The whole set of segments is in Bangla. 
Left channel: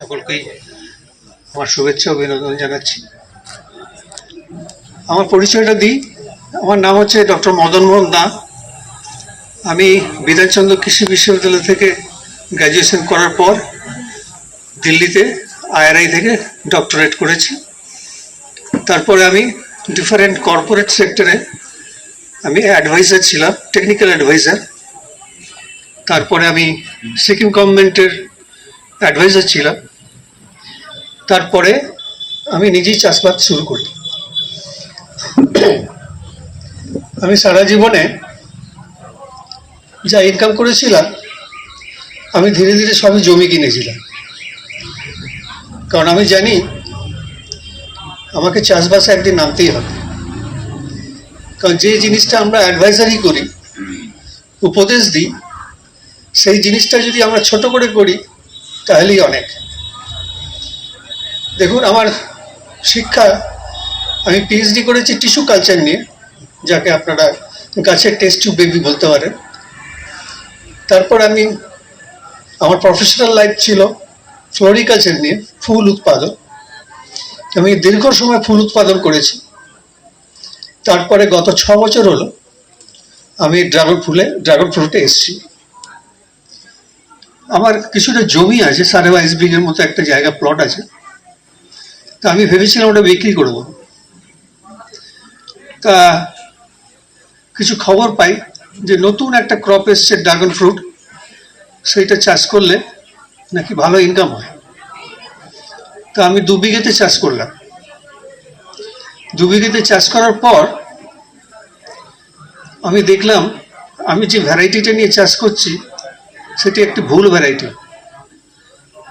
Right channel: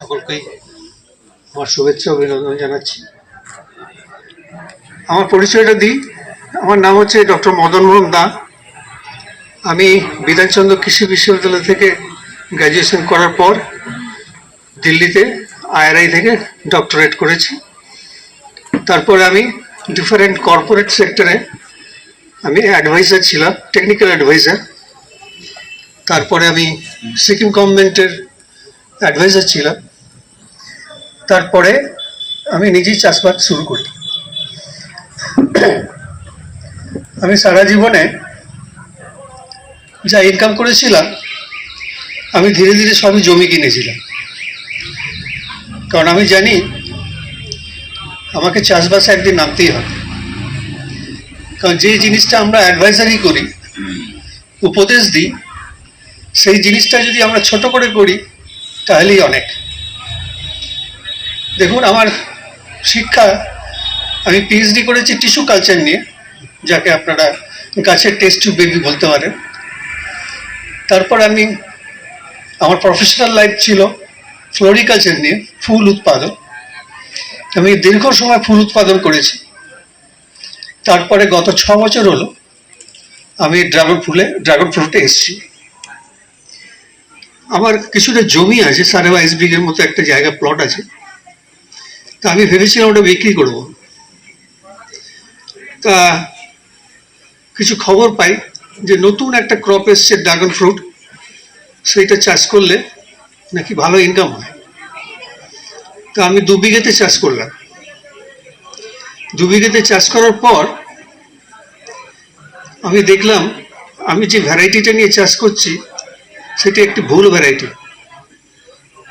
সকলকেই আমার শুভেচ্ছা অভিনন্দন জানাচ্ছি। আমার পরিচয়টা দিই। আমার নাম হচ্ছে ডক্টর মদন মোহন দা। আমি বিধানচন্দ্র কৃষি বিশ্ববিদ্যালয় থেকে গ্র্যাজুয়েশন করার পর দিল্লিতে IRI থেকে ডক্টরেট করেছি। তারপরে আমি ডিফারেন্ট কর্পোরেট সেক্টরে আমি অ্যাডভাইজার ছিলাম, টেকনিক্যাল অ্যাডভাইজার। তারপরে আমি সিকিম গভর্নমেন্টের অ্যাডভাইজার ছিলাম। তারপরে আমি নিজেই চাষবাস শুরু করি। আমি সারা জীবনে যা ইনকাম করেছিলাম আমি ধীরে ধীরে সবই জমি কিনেছিলাম, কারণ আমি জানি আমাকে চাষবাসে একদিন নামতেই হবে। কারণ যে জিনিসটা আমরা অ্যাডভাইজারি করি, উপদেশ দিই, সেই জিনিসটা যদি আমরা ছোট করে করি তাহলেই অনেক। দেখুন, আমার শিক্ষা, আমি PhD করেছি টিস্যু কালচার নিয়ে, যাকে আপনারা গাছের টেস্ট টিউব বেবি বলতে পারেন। তারপর আমার প্রফেশনাল লাইফ ছিল ফ্লোরিকালচার নিয়ে, ফুল উৎপাদন। আমি দীর্ঘ সময় ফুল উৎপাদন করেছি। তারপরে গত 6 বছর হলো আমি ড্রাগন ফ্রুটে এসেছি। আমার কিছুটা জমি আছে, 22.5 বিঘের মতো একটা জায়গা প্লট আছে। তা আমি ভেবেছিলাম ওটা বিক্রি করব। তা কিছু খবর পাই যে নতুন একটা ক্রপ এসছে ড্রাগন ফ্রুট, সেইটা চাষ করলে নাকি ভালো ইনকাম হয়। তা আমি 2 বিঘেতে চাষ করলাম। 2 বিঘেতে চাষ করার পর আমি দেখলাম আমি যে ভ্যারাইটিটা নিয়ে চাষ করছি সেটি একটি ভুল ভ্যারাইটি।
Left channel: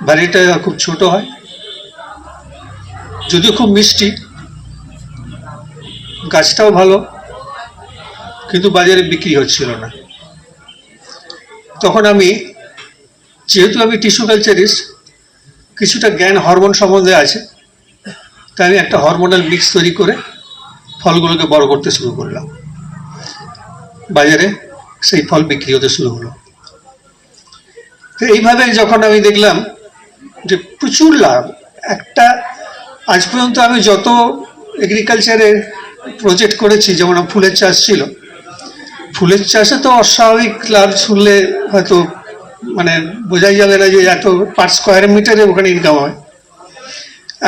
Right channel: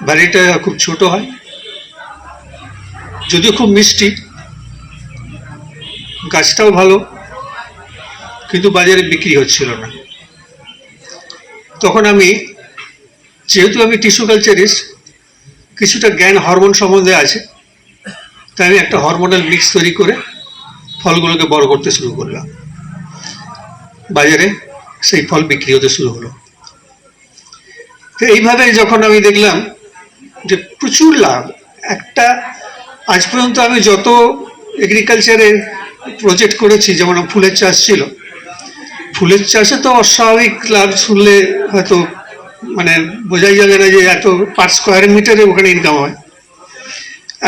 ভ্যারাইটিটা খুব ছোট হয়, যদিও খুব মিষ্টি, গাছটাও ভালো, কিন্তু বাজারে বিক্রি হচ্ছিল না। তখন যেহেতু আমি টিস্যু কালচারিস্ট, কিছুটা জ্ঞান হরমোন সম্বন্ধে আছে, তাই আমি একটা হরমোনাল মিক্স তৈরি করে ফলগুলোকে বড় করতে শুরু করলাম। বাজারে সেই ফল বিক্রি হতে শুরু হলো। তো এইভাবে যখন আমি দেখলাম যে প্রচুর লাভ, আজ পর্যন্ত আমি যত এগ্রিকালচারে প্রজেক্ট করেছি, যেমন ফুলের চাষ ছিল, ফুলের চাষে তো অস্বাভাবিক লাভ শুনলে হয়তো বোঝাই যাবে না যে এত পার স্কোয়ার মিটারে ওখানে ইনকাম হয়।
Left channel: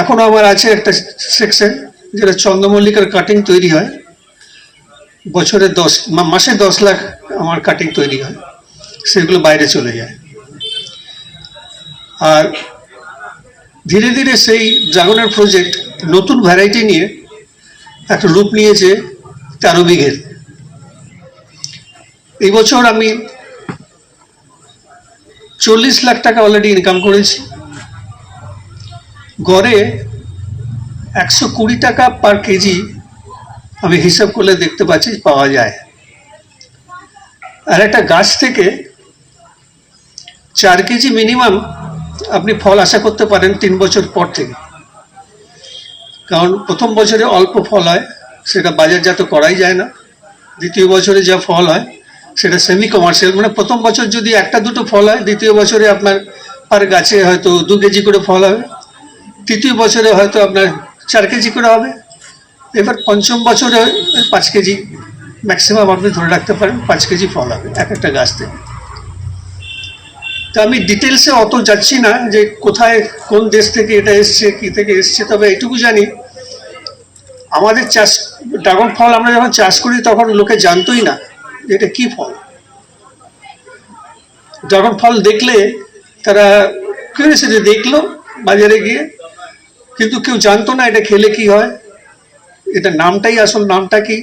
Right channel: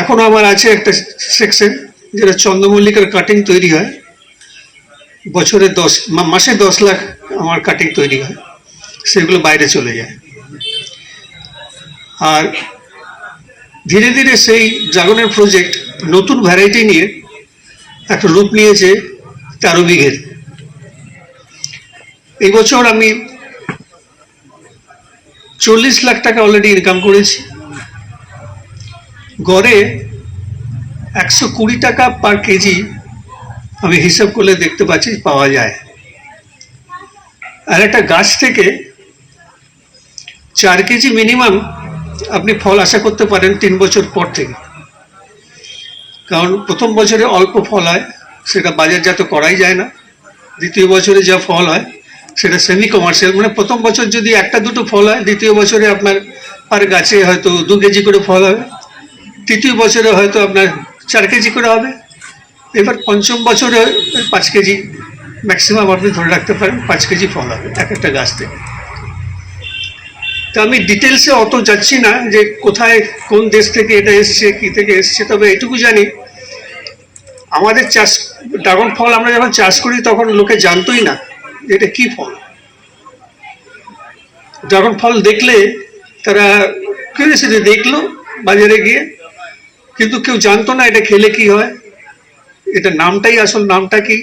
এখনো আমার আছে একটা সেকশন যেটা চন্দ্রমল্লিকার কাটিং তৈরি হয়, মাসে 10 লাখ আমার কাটিং তৈরি হয়, সেগুলো বাইরে চলে যায়। আর ধীরে ধীরে সেই ড্রাগনের প্রজেক্ট নতুন ভ্যারাইটি নিয়ে একটা রূপ নিয়েছে 13 বিঘের। এই বছর আমি 40 লাখ টাকা অলরেডি ইনকাম করেছি। গড়ে 120 টাকা পার কেজি আমি হিসাব করলে দেখতে পাচ্ছি পাওয়া যায়। আর একটা গাছ থেকে 4 কেজি মিনিমাম আপনি ফল আশা করতে পারেন 3 বছর পর থেকে। কারণ প্রথম বছরে অল্প ফল হয়, সেটা বাজারজাত করাই যায় না। দ্বিতীয় বছরে যা ফল হয় সেটা সেমি কমার্শিয়াল, প্রথম বছর যদি 1-2টো ফল হয়, দ্বিতীয় বছরে আপনার পার গাছে হয়তো 2 কেজি করে ফল হবে, তৃতীয় বছরে হয়তো আপনার 4 কেজি করে হবে, এবার পঞ্চম বছরে 5 কেজি ম্যাক্সিমাম আপনি ধরে রাখতে পারেন 5 কেজি ফল হবে এক একটা গাছ থেকে। তো আমি ডিটেলসে অত যাচ্ছি না যে কোথায় কোন দেশ থেকে এটা এসছে, কি থেকে এসছে। তবে এটুকু জানি, আমাদের ড্রাগন ফল আমরা যখন চাষ করি তখন লোকে জানতোই না এটা কি ফল। ড্রাগন ফল দেখলে তারা কিউরিওসিটি দেখলো বাজারে গিয়ে, কিন্তু কেউ জানতো না এটা খেলে কি হয়, এটা আসল নামটা কি।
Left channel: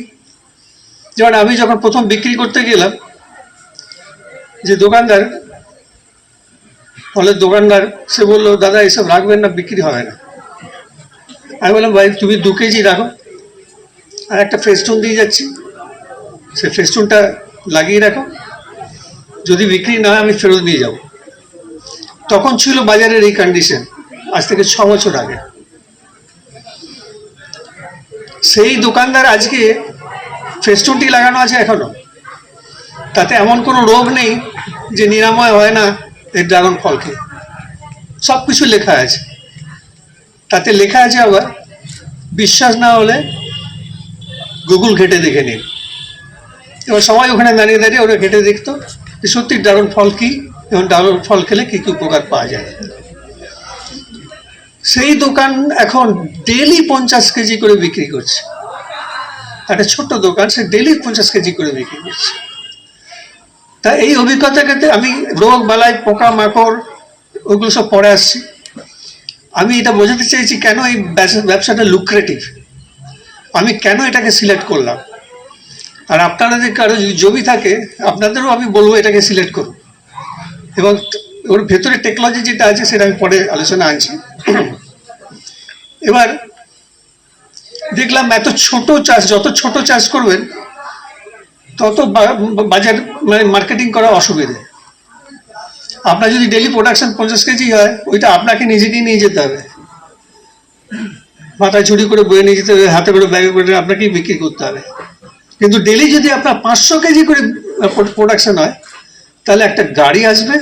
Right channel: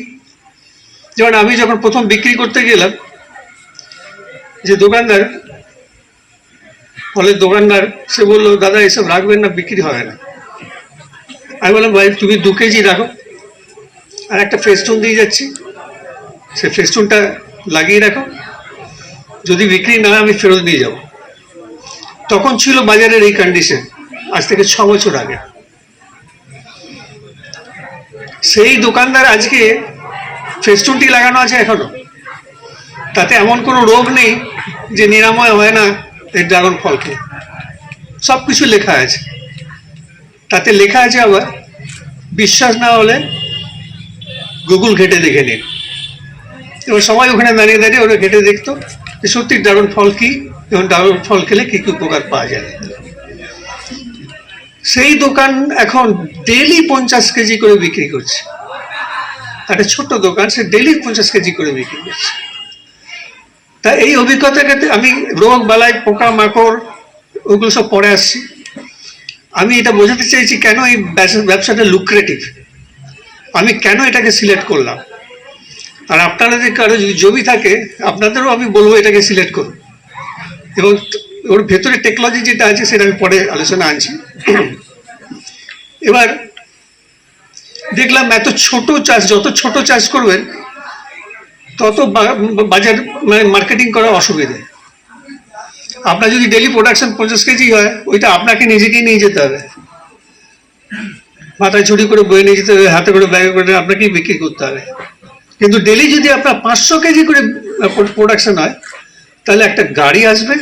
যেমন আমি যখন প্রথম বিক্রি করতে গেলাম, যে ফলের দোকানদার, সে বললো, দাদা এসব রাখবেন না, বিক্রি হয় না। আমি বললাম, ভাই তুমি 2 কেজি রাখো, আর একটা ফেস্টুন দিয়ে যাচ্ছি, সে ফেস্টুনটা লাগিয়ে রাখো, যদি বিক্রি না আমি ফেরত নিয়ে যাব। তখন ছিল বাজারের এই কন্ডিশন, আজ থেকে 6 বছর আগে। সেই দোকানদার আজকে ফেস্টুনটি লাগানো আছে এখনো, তাতে এমন কোনো রোগ নেই যে নিরাময় হয় না এই ড্রাগন ফলকে। সব কিছু লেখা আছে। তাতে লেখা আছে আবার, বিশ্বাস না হলে গুগল ঘেটে দেখে নিন। এবার সবাই ওখানে দাঁড়িয়ে দাঁড়িয়ে ওরা ঘেটে দেখতো যে সত্যি ড্রাগন ফল কি এবং ড্রাগন ফল খেলে কি কি উপকার পাওয়া যায়। সেই দোকান এখন ডেলি 50 কেজি করে বিক্রি করছে। একটা ছোট্ট দোকান, সে ডেলি 50 কেজি করে বিক্রি করছে। তা এই অভিজ্ঞতাকে আমি রোগ বালাই পোকা মাকড় ওগুলো সব পরে আসছি। আমি এটা বোঝাতে চাইছি কেন এই ব্যবসাটা লুক্রেটিভ, আমি কেন এটাকে সিলেক্ট করলাম। আর আপনারা যদি কারো জমি থাকে আপনাদেরও আমি বলবো এটাকে সিলেক্ট করুন। এবং ওর ভেতরে টেকনোলজি যেটা আছে সেটা আমি পরে আলোচনা আনছি। এবার দেখলাম এত ছোট চাষ, যত ছোট চাষ করবেন তত বাজার মানে মার্কেটিং করা অসুবিধে। আপনার যদি ডেলি প্রোডাকশন 50 কেজি হয়, ওইটা আপনাকে নিজেকেই নিয়ে যেতে হবে, মাথায় ঝুড়ি করে বয়ে নিয়ে যেতে হবে, হাতে করে ব্যাগে করে আপনাকেই বিক্রি করতে হবে। কিন্তু ডেলি যদি আপনার 500 কেজি করে প্রোডাকশন হয়, তাহলে একটা গাড়ি আসবে,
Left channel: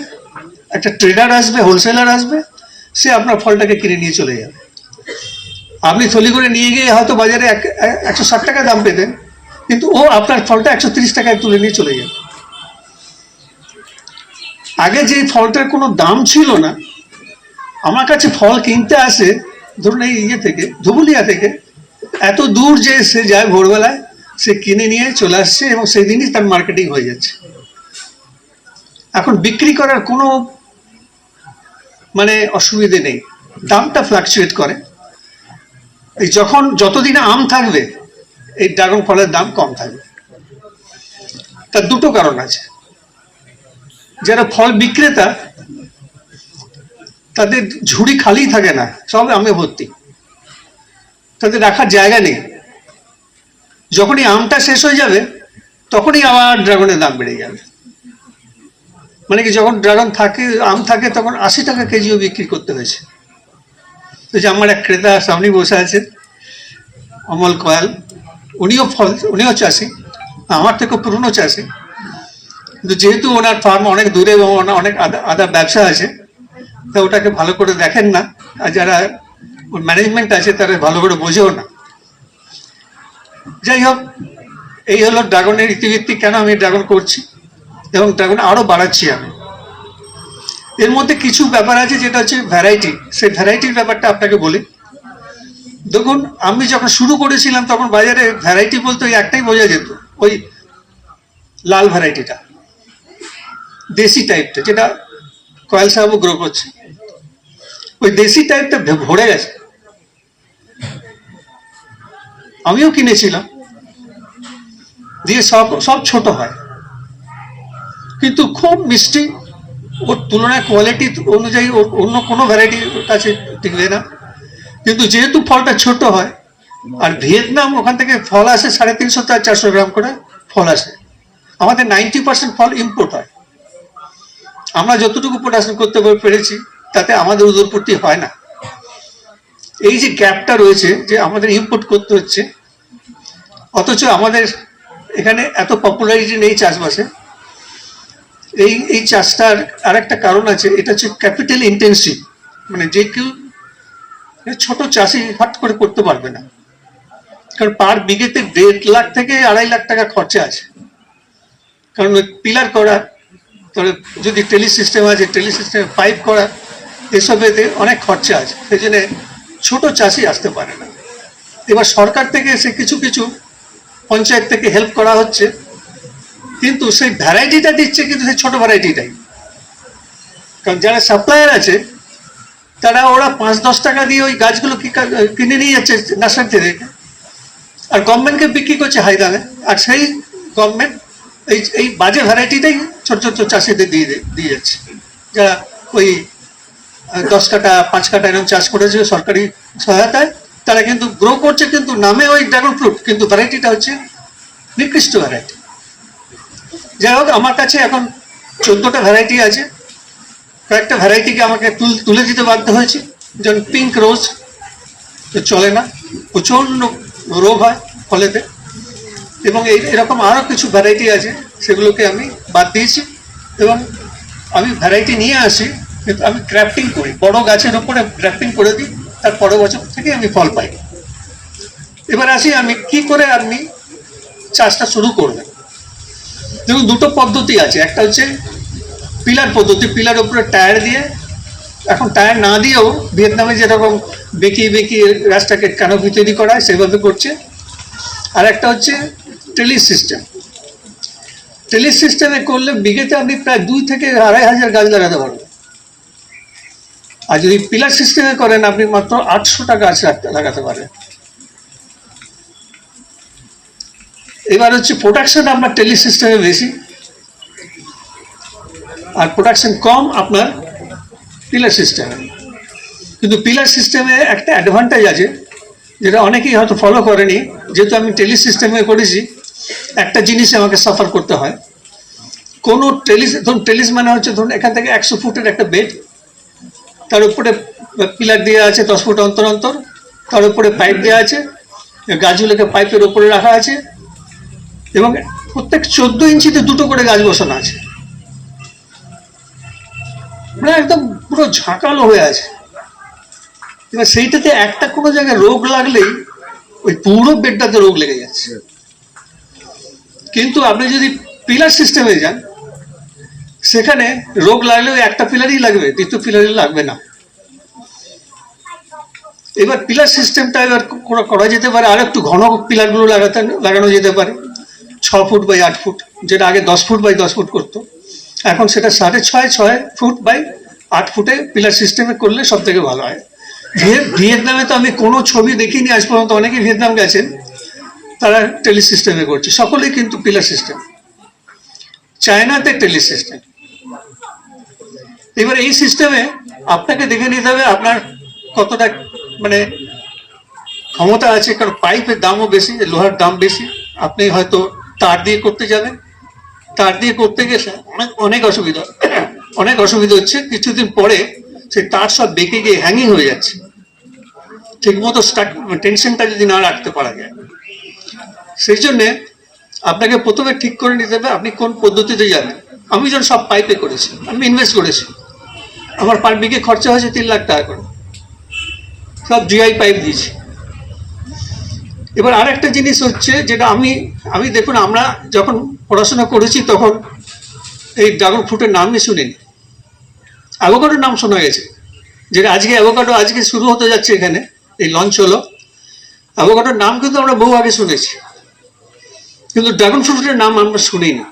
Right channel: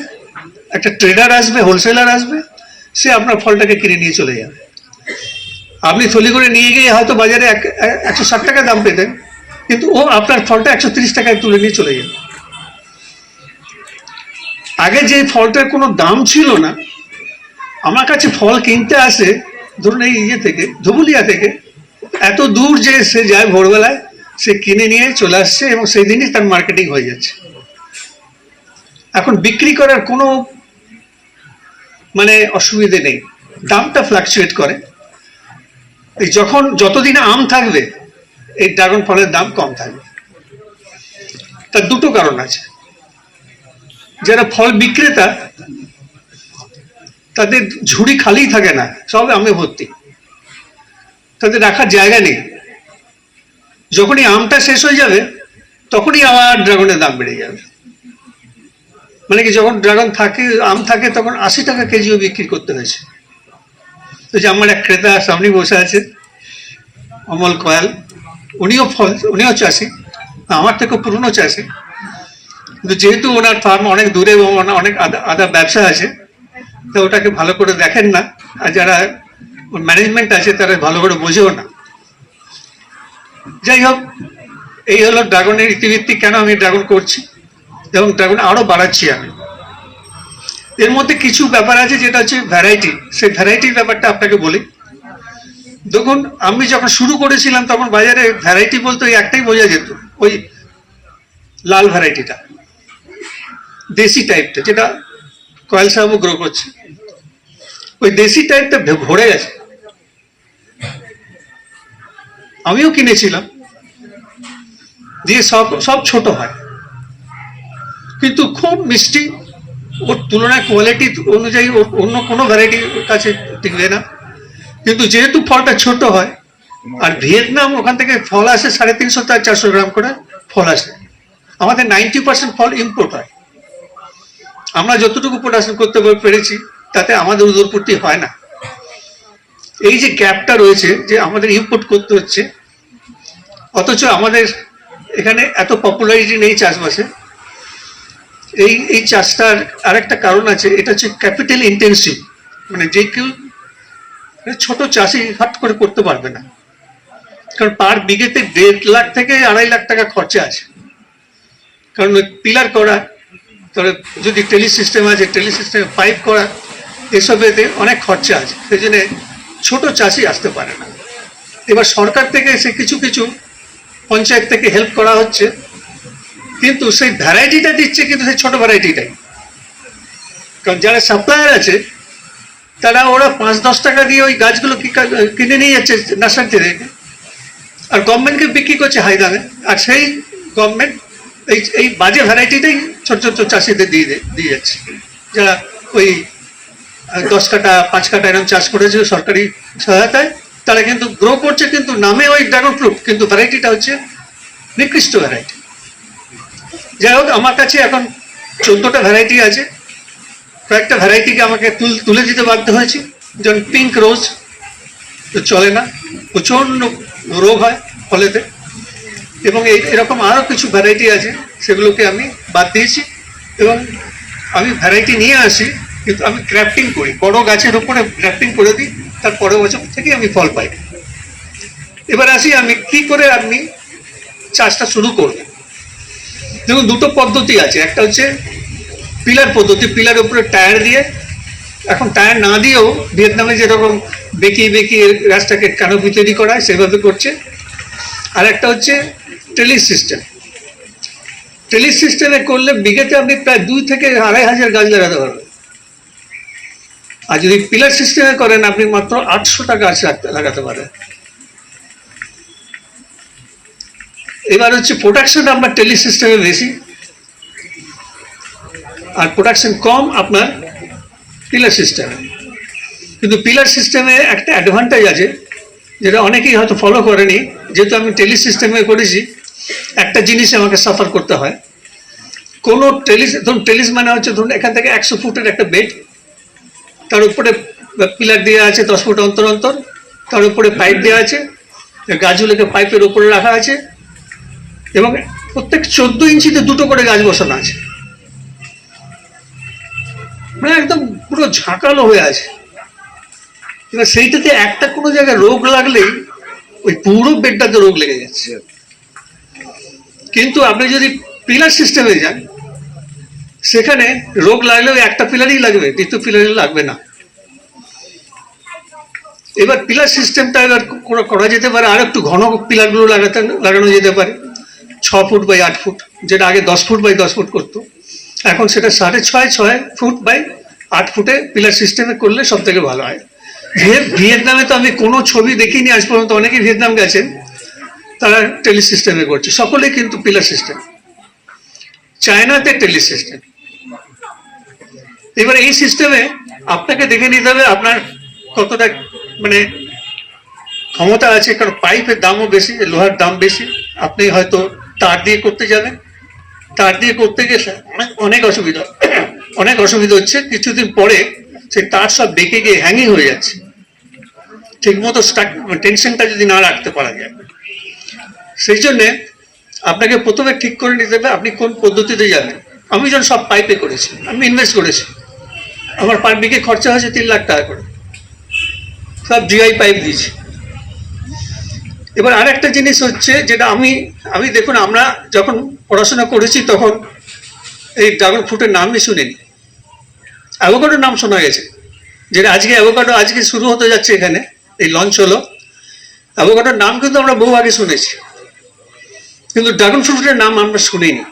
একটা ট্রেডার আসবে, হোলসেলার আসবে, সে আপনার ফলটাকে কিনে নিয়ে চলে যাবে। আপনি থলি করে নিয়ে গিয়ে হয়তো বাজারে 160 টাকা দাম পেতেন, কিন্তু ও আপনার ফলটা 130 টাকায় তুলে নিয়ে চলে যাবে। আগে যে ফলটার কোনো দাম ছিল না, আমার কাছে ফল কিনতে আসে ধরুন এই ইয়ে থেকে, ধুবুলিয়া থেকে, এত দূর যে সে যায় ভোরবেলায়, সে কিনে নিয়ে চলে আসছে এবং সেই দিনই তার মার্কেটিং হয়ে যাচ্ছে। এখন বিক্রি করার কোনো মানে অসুবিধে নেই, দামটা ফ্লাকচুয়েট করে। এই যতদিন আম থাকবে এই ড্রাগন ফলের দাম কম থাকবে। তার দুটো কারণ আছে। যারা ফল বিক্রেতা তাদের ঝুড়ি খালি থাকে না, সব আমে ভর্তি, তাদের রাখার জায়গা নেই। যখনই আমটা শেষ হয়ে যাবে তখনই আবার ড্রাগনের দাম বেড়ে যাবে। মানে কি, যখন ড্রাগন থাকে, আম থাকে, তখন 80 টাকা কেজিও বিক্রি করতে হয়েছে। তো যে আমার এক ক্রেতা সামনে বসে আছে, অমল কয়াল, উনিও চাষি, আমার থেকে পুরনো চাষি, কিন্তু যেহেতু ওনার ফার্ম অনেক দূরে এবং অনেক আদা ব্যবসা আছে, তো ওটাকে ভালো করে দেখেন না, আর যারা ম্যানেজমেন্ট আছে তারা ভালো করে বোঝেও না। যাই হোক, এই হলো ড্রাগনের ইতিবৃত্তি, কেন আমি ড্রাগন করছি এবং ড্রাগন আরো বাড়াচ্ছি আমি। এর মধ্যে কিছু ব্যাপার আছে যেটা হচ্ছে ভ্যারাইটি, সেই ভ্যারাইটির ব্যাপারটা আপনাকে বলি। দেখুন, আমি যখন শুরু করেছিলাম তখন বাজারে ভ্যারাইটি বলতে ওই একটাই বোঝা যেত, ওই লাল ভ্যারাইটিটা, দেশি টাইপটা, যেটা কয়েল সাহেবও গ্রো করছে। ওই দেশি টাইপটা ভরে গেছে। আমিও কিনেছিলাম, দিয়ে সব ছোট হয় কিন্তু খুব মিষ্টি, ওর তুলনায় কোয়ালিটি অনুযায়ী অন্য কোনো ভ্যারাইটির কাছে টিকবে না। কিন্তু যেহেতু ফলটা ছোট হয়, আর ভিয়েতনাম ওখান থেকে ফল আসে 350 থেকে 400 গ্রাম করে ফল আসে, আমাদের 90% ফল ইম্পোর্ট হয়। আমরা যতটুকু প্রোডাকশন করতে পেরেছি তাতে আমাদের উদরপূর্তি হয় না। এই যে গ্যাপটা রয়েছে, যে আমাদের ইম্পোর্ট করতে হচ্ছে, অথচ আমাদের এখানে এত পপুলারিটি নেই চাষবাসে। এই চাষটার আর একটা কারণ আছে, এটা হচ্ছে ক্যাপিটাল ইন্টেন্সিভ, মানে যে কেউ ছোট চাষি হাট করে করতে পারবে না, কারণ পার বিঘেতে 1.5 লাখ থেকে 2.5 লাখ টাকা খরচা আছে। কারণ পিলার করা, তাহলে যদি টেলি সিস্টেম আছে, টেলি সিস্টেম পাইপ করা, এসবেতে অনেক খরচা আছে, সেই জন্য ছোট চাষি আসতে পারে না। এবার সরকার থেকে এসে কিছু কিছু পঞ্চায়েত থেকে হেল্প করা হচ্ছে, কিন্তু সেই ভ্যারাইটিটা দিচ্ছে, কিন্তু সেই ছোট ভ্যারাইটিটাই। কারণ যারা সাপ্লায়ার আছে তারা ওরা 5-10 টাকা দিয়ে ওই গাছগুলো কিনে নিয়ে যাচ্ছে নার্সারি থেকে, আর গভর্নমেন্টকে বিক্রি করছে হাই দামে। আর সেই গভর্নমেন্ট এই বাজে ভ্যারাইটিটাই ছোট ছোট চাষিদের দিয়ে যাচ্ছে, যারা ওই 10 কাটা 5 কাটা এরকম চাষ করেছে সরকারি সহায়তায়, তারা কিন্তু গ্রো করছে, কিন্তু নামে ওই ড্রাগন ফ্রুট, কিন্তু ভ্যারাইটিটা হচ্ছে নিকৃষ্ট ভ্যারাইটি। যাই হোক, আমার কাছে এখন 14টা ভ্যারাইটি আছে। কয়েকটা ভ্যারাইটিকে আমাকে তুলে দিতে বাধ্য হয়েছে, যেমন পিঙ্ক রোজ তো চলে না, প্রচণ্ড রোগ হয় ফলেতে, এবং এরকম আরও কিছু ভ্যারাইটি আছে, সেগুলোকে আমি বাদ দিয়েছি। এবং আমি ভ্যারাইটি নিয়ে আসি কিন্তু আমি গ্রাফটিং করি, বড় গাছের ওপরে গ্রাফটিং করে দিই, তার পরের বছর থেকে আমি ফল পাই। এবার আসি আমি কি করে আপনি চাষটা শুরু করবেন। দেখুন, দুটো পদ্ধতি আছে। একটা হচ্ছে পিলার পদ্ধতি, পিলার উপরে টায়ার দিয়ে, এখন টায়ার না দিয়েও ভিয়েতনামে যেরকম বেঁকিয়ে বেঁকিয়ে গাছটাকে ক্যানোপি তৈরি করা হয় সেভাবে করছে। আর একটা হচ্ছে ট্রেলিস সিস্টেম। ট্রেলিস সিস্টেমে করলে বিঘেতে আপনি প্রায় 2 থেকে 2,500 গাছ লাগাতে পারবেন। আর যদি পিলার সিস্টেমে করেন আপনি মাত্র 800টা গাছ লাগাতে পারেন। এবার হচ্ছে প্রোডাকশন আপনার ট্রেলিস সিস্টেমে বেশি, আর প্রোডাকশন কম আপনার পিলার সিস্টেমে। কিন্তু পিলার সিস্টেমে একটা অ্যাডভান্টেজ আছে যেটা অনেকেই হয়তো ফলো করেনি। যেহেতু আমি ট্রেলিস সিস্টেমে করেছি, একটা জিনিস আমাকে সাফার করতে হয়। কোনো ট্রেলিস, ধরুন ট্রেলিস মানে হচ্ছে ধরুন এখান থেকে 100 ফুটের একটা বেড, তার উপরে পিলার দেওয়া আছে 10 ফুট অন্তর অন্তর, তার উপরে পাইপ দেওয়া আছে, গাছগুলোকে পাইপের উপরে রাখা আছে, এবং প্রত্যেক 14 ইঞ্চিতে 2টো করে গাছ বসানো আছে। মানে একদম পুরো ঝাঁকালো হয়ে আছে। এবার সেইটাতে একটা কোনো জায়গায় রোগ লাগলেই ওই পুরো বেডটাতে রোগ লেগে যাচ্ছে। কিন্তু আপনি যদি পিলার সিস্টেমে যান, সেখানে রোগ লাগলেও একটা পিলারই লাগবে, দ্বিতীয় পিলারই লাগবে না। এবার পিলার সিস্টেমটা এবার করা যেতে পারে, আর একটু ঘন পিলারগুলো লাগানো যেতে পারে 6 ফুট বাই 8 ফুট, যেটা আগে 10 ফুট বাই 10 ফুট করতো, এখন সেটা 6.5 ফুট বাই 8 ফুটে পিলার সিস্টেমে করলে সব থেকে ভালো হয়। ভিয়েতনামে তো আমি কোনো ছবি দেখিনি আজ পর্যন্ত, অনেকেই ভিয়েতনাম গেছেন, তারা ট্রেলিস সিস্টেমে করছে, সকলেই কিন্তু পিলার সিস্টেম। চায়নাতে ট্রেলিস সিস্টেম। এবার এই সিস্টেমে আপনাকে দেখে নিতে হবে আপনার কতটা মানে ক্ষমতা আছে, কারণ পাইপের দামও বেশি, লোহার দাম বেশি। আপনি হয়তো তার দিয়ে করতে যাবেন, তার দিয়ে করতে গেলে অনেক অসুবিধা হচ্ছে। কিছুদিন পরে সেই তার সব বেঁকে গিয়ে হ্যাঙ্গিং হয়ে যাচ্ছে, ঠিক মতো টেনশনটা যদি না রাখতে পারা যায়। সেই জন্যে আপনাকে প্রথমে ঠিক করে নিতে হবে আপনি কোন পদ্ধতিতে যাবেন। আমি যখন সব পাইপে করেছি, আমি ইনভেস্ট করেছি, আমার পার বিঘে খরচা হয়েছে 3 লাখ টাকা করে, সব জিআই পাইপ দিয়েছি। এবার আরেকটা জিনিস হচ্ছে যেটা আমি দেখুন, আমরা যখন পড়াশোনা করেছি তখন এই ড্রাগন ফ্রুটের নামই শুনিনি। অ্যাভোকাডোর নাম শোনা গেছে, যেটা আজকে অ্যাভোকাডো আজকে শুরু হতে যাচ্ছে, এখানে এই লঞ্চ হলো। অ্যাভোকাডোর নাম কিন্তু আমরা বহু আগে শুনেছি, কিন্তু ড্রাগন ফ্রুটের নাম আমরা শুনিনি।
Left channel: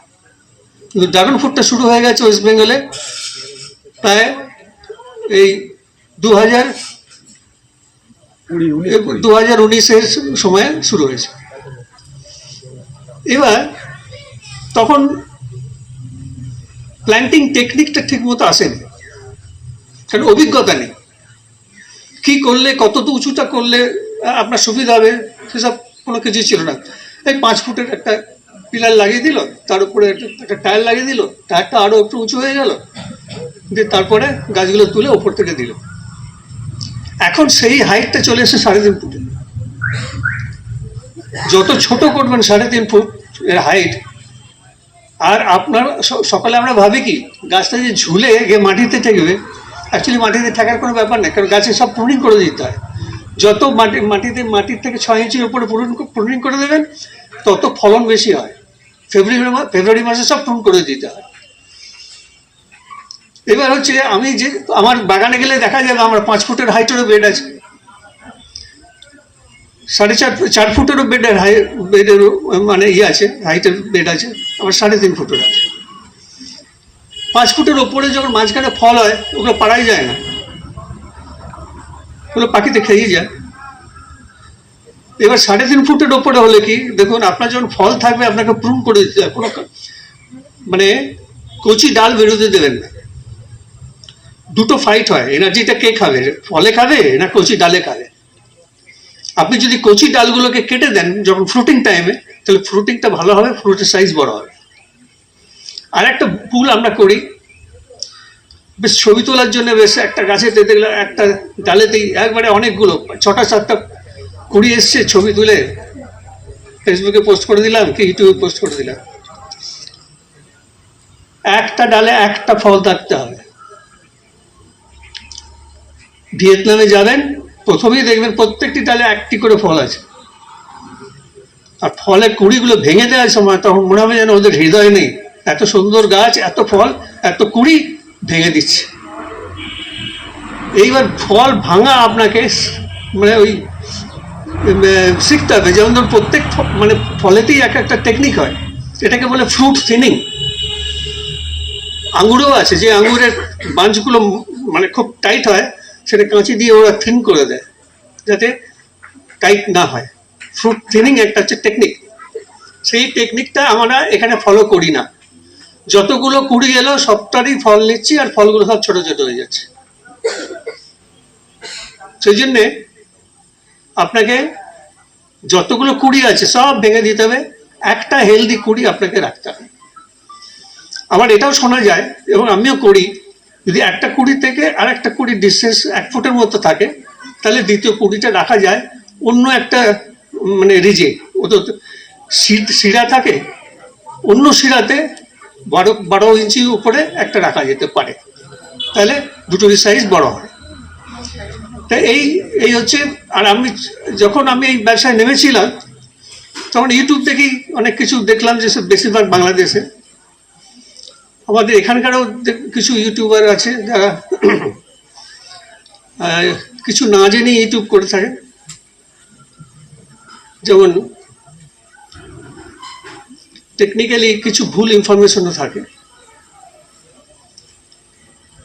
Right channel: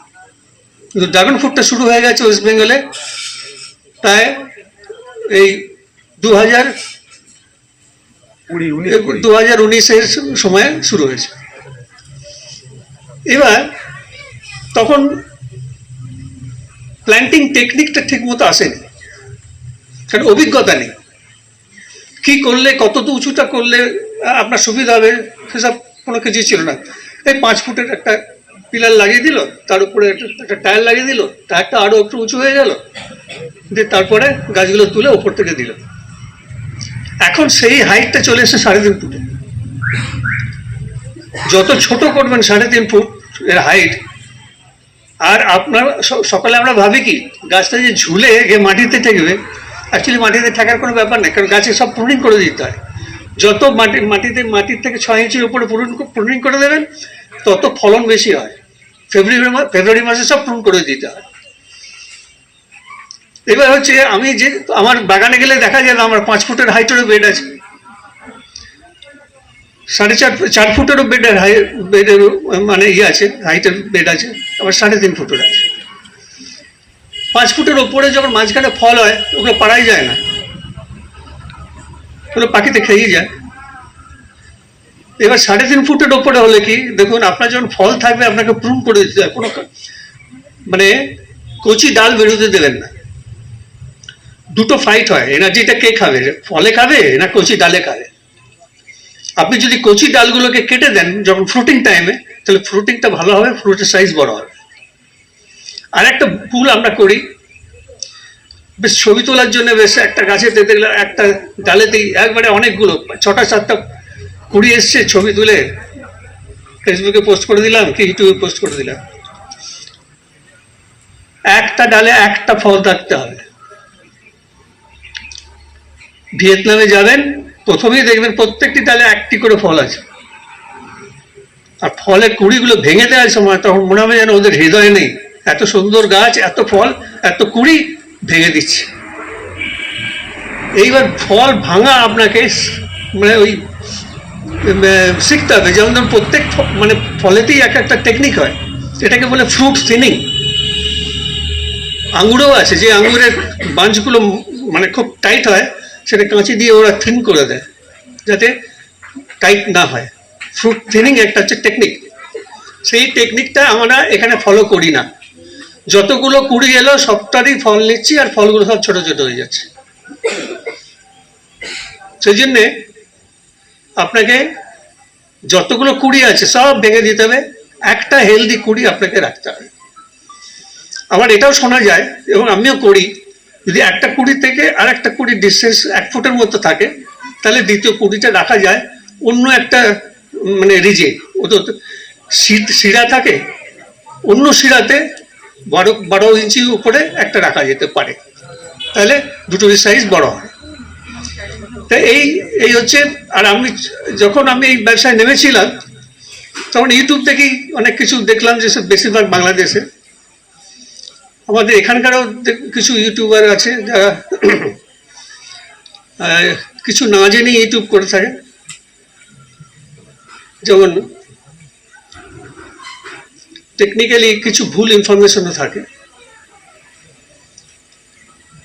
কিন্তু ড্রাগন ফ্রুটটা শুরু হয়ে গেছে ওয়েস্ট বেঙ্গলে প্রায় এই 2019-এর সময়ে শুরু হয়েছে। এবার তখন প্ল্যান্টিং টেকনিকটা ঠিক মতো আসেনি, কারণ অভিজ্ঞতা নেই। কি করলে কত উঁচুটা করলে আপনার সুবিধা হবে সেসব কোনো কিছু ছিল না। এই 5 ফুটের একটা পিলার লাগিয়ে দিল, তার উপরে একটা টায়ার লাগিয়ে দিল, টায়ারটা আরো একটু উঁচু হয়ে গেল, দিয়ে তারপরে গাছগুলো তুলে ওপর থেকে দিল। এখন সেই হাইটটা চলে এসে 3.5 ফুটে। যত ছোট করবেন 3.5 ফুট এর হাইট, আর আপনার সকালে আমরা ভাবি কি গাছটা যে ঝুলে গিয়ে মাটিতে ঠেকবে, অ্যাকচুয়ালি মাটিতে ঠেকার কোনো ব্যাপার নেই, কারণ গাছে সব প্রুনিং করে দিতে হয়। যত মাটির থেকে 6 ইঞ্চির উপরে প্রুনিং করে দেবেন, তত ফলন বেশি হয়। ফেব্রুয়ারি মাসে সব প্রুন করে দিতে হয়। এবার হচ্ছে আমি যে আমার বাগানে গেলে দেখা যাবে আমার 5 ফুটের হাইটেরও বেড আছে, 4.5 ফুটেরও বেডেরও মানে আছে, হাইটের বেড আছে, আবার 3.5 ফুটের আছে। 5 ফুটের ওপরে যখন মাঝখানে ফল হয় ওগুলো পাড়াই যায় না, ওগুলো পাখিতে খেয়েই যায়। এবার 3.5 ফুটের ওপরে হলে কি দেখুন, আপনার যখন ফল থাকবে আপনাকে প্রুন করে দিতে হয়, কোনো মানে কচি ডাল বেরোতে দেবেন না। দুটো ফাইট হয়, এনার্জিটা কে খাবে, ফলে খাবে না কচি ডালে খাবে। আপনি যদি কচি ডালগুলোকে কেটে দেন যখন ফ্রুটিং টাইমে, তাহলে ফ্রুটিংটা ভালো হবে, ফ্রুটের সাইজ বড় হবে। আর একটা ভুল আমরা করি, বেশ ছবি তোলার জন্য বেশ একটা গাছেতে দেখলাম একটা ডালেতেই একবারে অনেকগুলো 6টা-7টা কুড়ি এসছে, ছবি তুলে ফেসবুকে পোস্ট করে দিলাম কি ইউটিউবে পোস্ট করে দিলাম। একটা ডালে একটা ফল থাকতে হবে, ভিয়েতনামে যাবেন, প্রথমেই দেখবেন প্রত্যেকটি ডালে একটি করে ফল আছে, আর ফলের কুড়িগুলো ভেঙে দেওয়ার সময় তখন মনে হবে যেন ওদের হৃদয় নেই, এত সুন্দর গাছ, এত ফল, এত কুড়ি ভেঙে দিচ্ছে। এইবার ফল ভাঙা আপনাকে মানে ওই শিখতে হবে। যেমন ধরুন প্রত্যেক মানে ফলেতেই এক একটা টেকনিক হয়, এটাকে বলে ফ্রুট থিনিং। আঙুরেও আছে, যে আঙুরের বাঞ্চগুলো মানে খুব টাইট হয়, সেটা কাঁচি দিয়ে ওরা থিন করে দেয় যাতে টাইট না হয়। ফ্রুট থিনিং একটা হচ্ছে টেকনিক, সেই টেকনিকটা আমরা এখানে ফলো করি না। যতগুলো কুড়ি এলো সবটারই ফল নিচ্ছি, আর ফলগুলো সব ছোট ছোট হয়ে যাচ্ছে। সেই জন্যে আপনাকে যতগুলো কুড়ি আছে সব ভেঙে দিতে হবে, একটা হেলদি কুড়ি আপনাকে রাখতে হবে। আবার এটাও শোনা যায়, এবং আমিও করি, যদি একটা কুড়ি থেকে আর একটা কুড়ির ডিস্টেন্স 1 ফুটের মতো থাকে, তাহলে দ্বিতীয় কুড়িটা রাখা যায় অন্য একটা মানে রিজে। ও তো শিরা থাকে, অন্য শিরাতে 12 ইঞ্চি উপরে একটা রাখা যেতে পারে, তাহলে দুটোরই সাইজ বড় হয়। তাই এই হচ্ছে। আর যখন আমি এই ব্যবসায় নেমেছিলাম, তখন ইউটিউব থেকেই অনেক কিছু দেখলাম, যে বেশিরভাগ বাংলাদেশে। আমাদের এখানকারও কিছু ইউটিউবার আছে যারা কিছু না জেনে ইউটিউব করে থাকে। যেমন টেকনিক্যালি কিছু ভুল ইনফরমেশনও থাকে।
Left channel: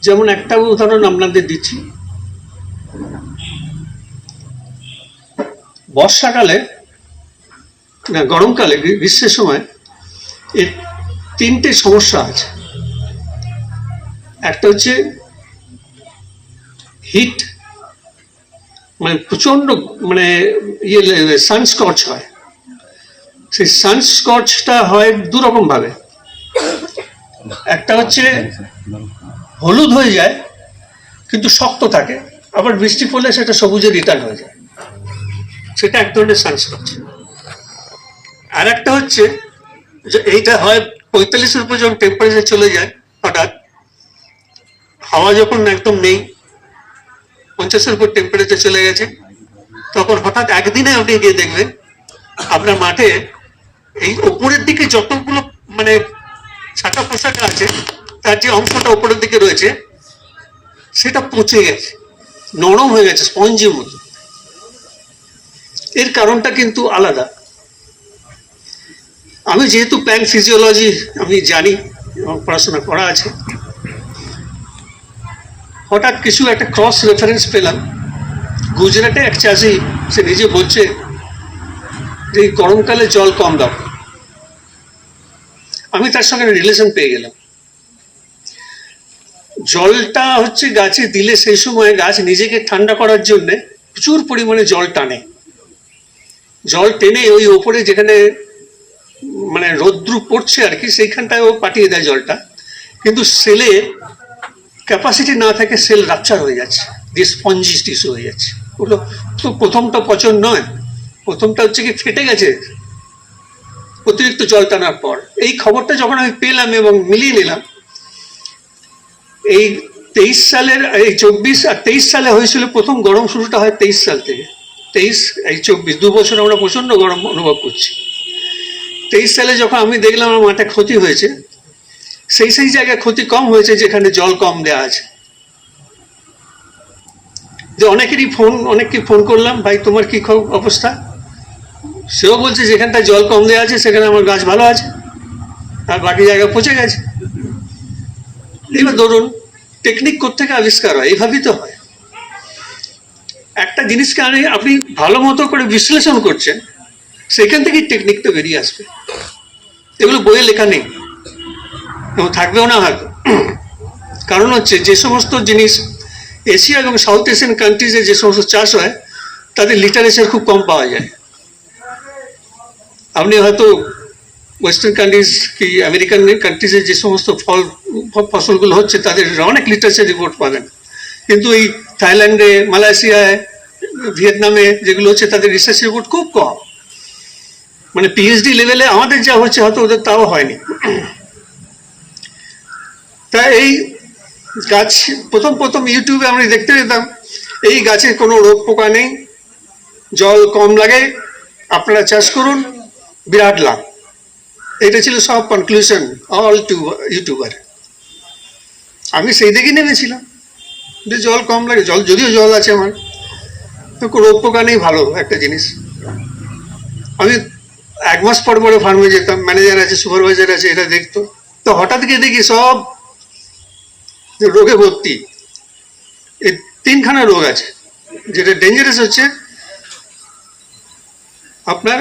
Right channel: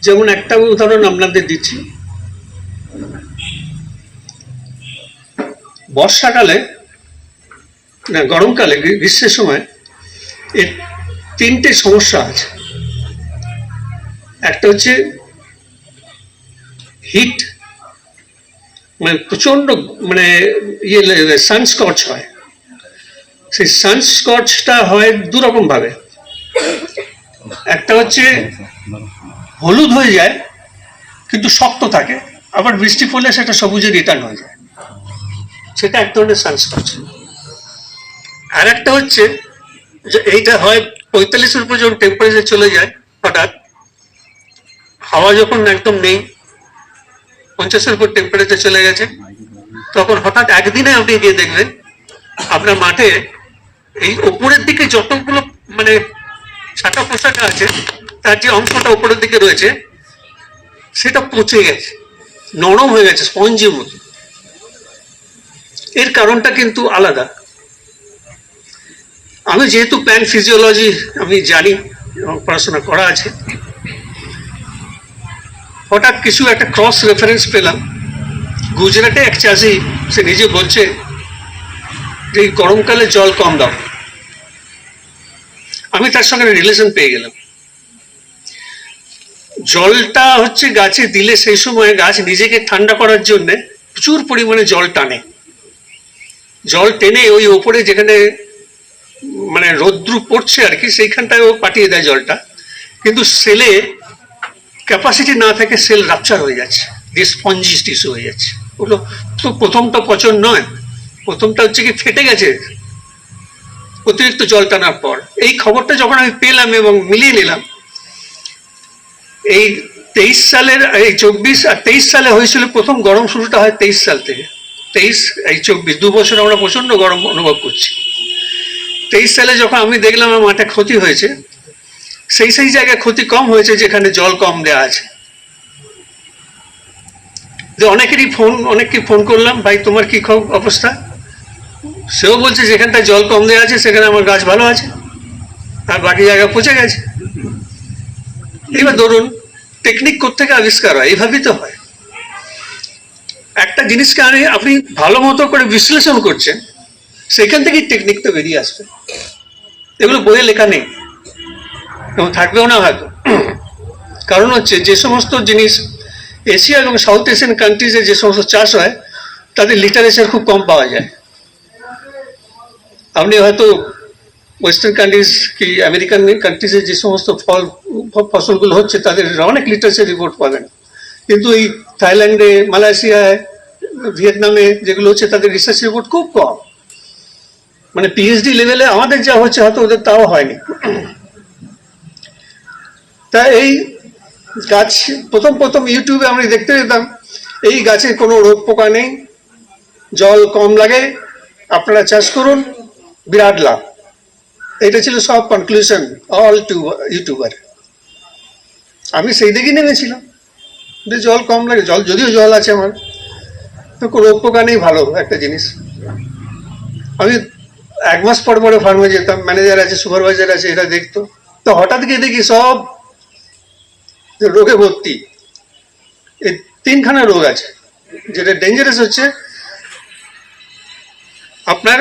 যেমন একটা উদাহরণ আপনাদের দিচ্ছি, বর্ষাকালে না গরমকালে, গ্রীষ্মের সময় এর 3টে সমস্যা আছে। একটা হচ্ছে হিট, মানে প্রচন্ড মানে সানস্কচ হয়। সেই সানস্কচটা হয় 2 রকম ভাবে। একটা হচ্ছে হলুদ হয়ে যায় কিন্তু শক্ত থাকে, আবার বৃষ্টি পড়লে সেটা সবুজে রিটার্ন হয়ে যায়, সেটা এক ধরনের সানস্কচ। আর একটা হচ্ছে যে এইটা হয় 45-এর উপর যখন টেম্পারেচার চলে যায়, হঠাৎ হাওয়া যখন একদম নেই, 50-এর উপর টেম্পারেচার চলে গেছে, তখন হঠাৎ একদিনে আপনি গিয়ে দেখবেন আপনার মাঠে এই ওপরের দিকে যতগুলো মানে ছাটা পোশাক আছে, তার যে অংশটা ওপরের দিকে রয়েছে সেটা পচে গেছে, নরম হয়ে গেছে, স্পঞ্জের মতো। এর কারণটা কিন্তু আলাদা। আমি যেহেতু প্ল্যান্ট ফিজিওলজি আমি জানি এবং পড়াশোনা করা আছে, হঠাৎ কিছু একটা ক্রস রেফারেন্স পেলাম। গুজরাটে এক চাষি, সে নিজে বলছে যে গরমকালে জল কম দাও। আমি তার সঙ্গে রিলেশন পেয়ে গেলাম। জলটা হচ্ছে গাছে দিলে সেই সময় গাছ নিজেকে ঠান্ডা করার জন্য প্রচুর পরিমাণে জল টানে। জল টেনে ওই ওপরে যেখানে মানে রৌদ্র পড়ছে আর কি, সেইখানটায় ও পাঠিয়ে দেয় জলটা। কিন্তু সেলে ক্যাপাসিটি না থাকে, সেল রাপচার হয়ে যাচ্ছে, দিয়ে স্পঞ্জিস টিস্যু হয়ে যাচ্ছে। ওগুলো তো প্রথমটা পচন নয়, প্রথমটা হচ্ছে কি ফেটে গেছে অতিরিক্ত জল টানার পর। এই খবরটা যখন আমি পেলাম এবং মিলিয়ে নিলাম, এই 23 সালের এই 24 আর 23 সালে হয়েছিল প্রথম গরম, শুরুটা হয় 23 সাল থেকে। 23 এই 24 2 বছর আমরা প্রচন্ড গরম অনুভব করছি। 23 সালে যখন আমি দেখলাম আমার মাঠে ক্ষতি হয়েছে, সেই জায়গায় ক্ষতি কম হয়েছে যেখানে জল কম দেওয়া আছে। যে অনেককে ফোন করলাম, ভাই তোমার কি অবস্থা? সেও বলছে যেখানটায় জল কম দেওয়া আছে সেখানে আমার গাছ ভালো আছে, আর বাকি জায়গায় পচে গেছে। এবার ধরুন টেকনিক কোত্থেকে আবিষ্কার হয়? এইভাবেই তো হয়। একটা জিনিসকে আপনি ভালো মতো করে বিশ্লেষণ করছেন, সেখান থেকেই টেকনিকটা বেরিয়ে আসবে। এগুলো বইয়ে লেখা নেই এবং থাকবেও না হয়তো। কারণ হচ্ছে যে সমস্ত জিনিস এশিয়া এবং সাউথ এশিয়ান কান্ট্রিজে যে সমস্ত চাষ হয়, তাদের লিটারেচার খুব কম পাওয়া যায়। আপনি হয়তো ওয়েস্টার্ন কান্ট্রিজ কি আমেরিকান কান্ট্রিজে যে সমস্ত ফসলগুলো হচ্ছে তাদের অনেক লিটারেচার রিপোর্ট পাবেন, কিন্তু এই থাইল্যান্ডে, মালয়েশিয়ায়, ভিয়েতনামে যেগুলো হচ্ছে তাদের রিসার্চ রিপোর্ট খুব কম। মানে পিএইচডি লেভেলে আমাদের যা হচ্ছে হয়তো ওদের তাও হয়নি। তা এই গাছ প্রথম ইউটিউবে আমরা দেখতে পেতাম এই গাছে কোনো রোগ পোকা নেই, জল কম লাগে, আপনারা চাষ করুন, বিরাট লাভ। এটা ছিল সব কনক্লুশন অল ইউটিউবার। আমি সেই দিকে নেমেছিলাম যে জল কম লাগে, যদিও জল আছে আমার, তো রোগ পোকা নেই, ভালো একটা জিনিস। আমি 1 মাস পর পরে ফার্মে যেতাম, ম্যানেজার আছে, সুপারভাইজার আছে, এটা দেখতো। তো হঠাৎ গিয়ে দেখি সব রোগে ভর্তি। এই 3খানা রোগ আছে। যেটা ডেঞ্জারাস হচ্ছে আপনার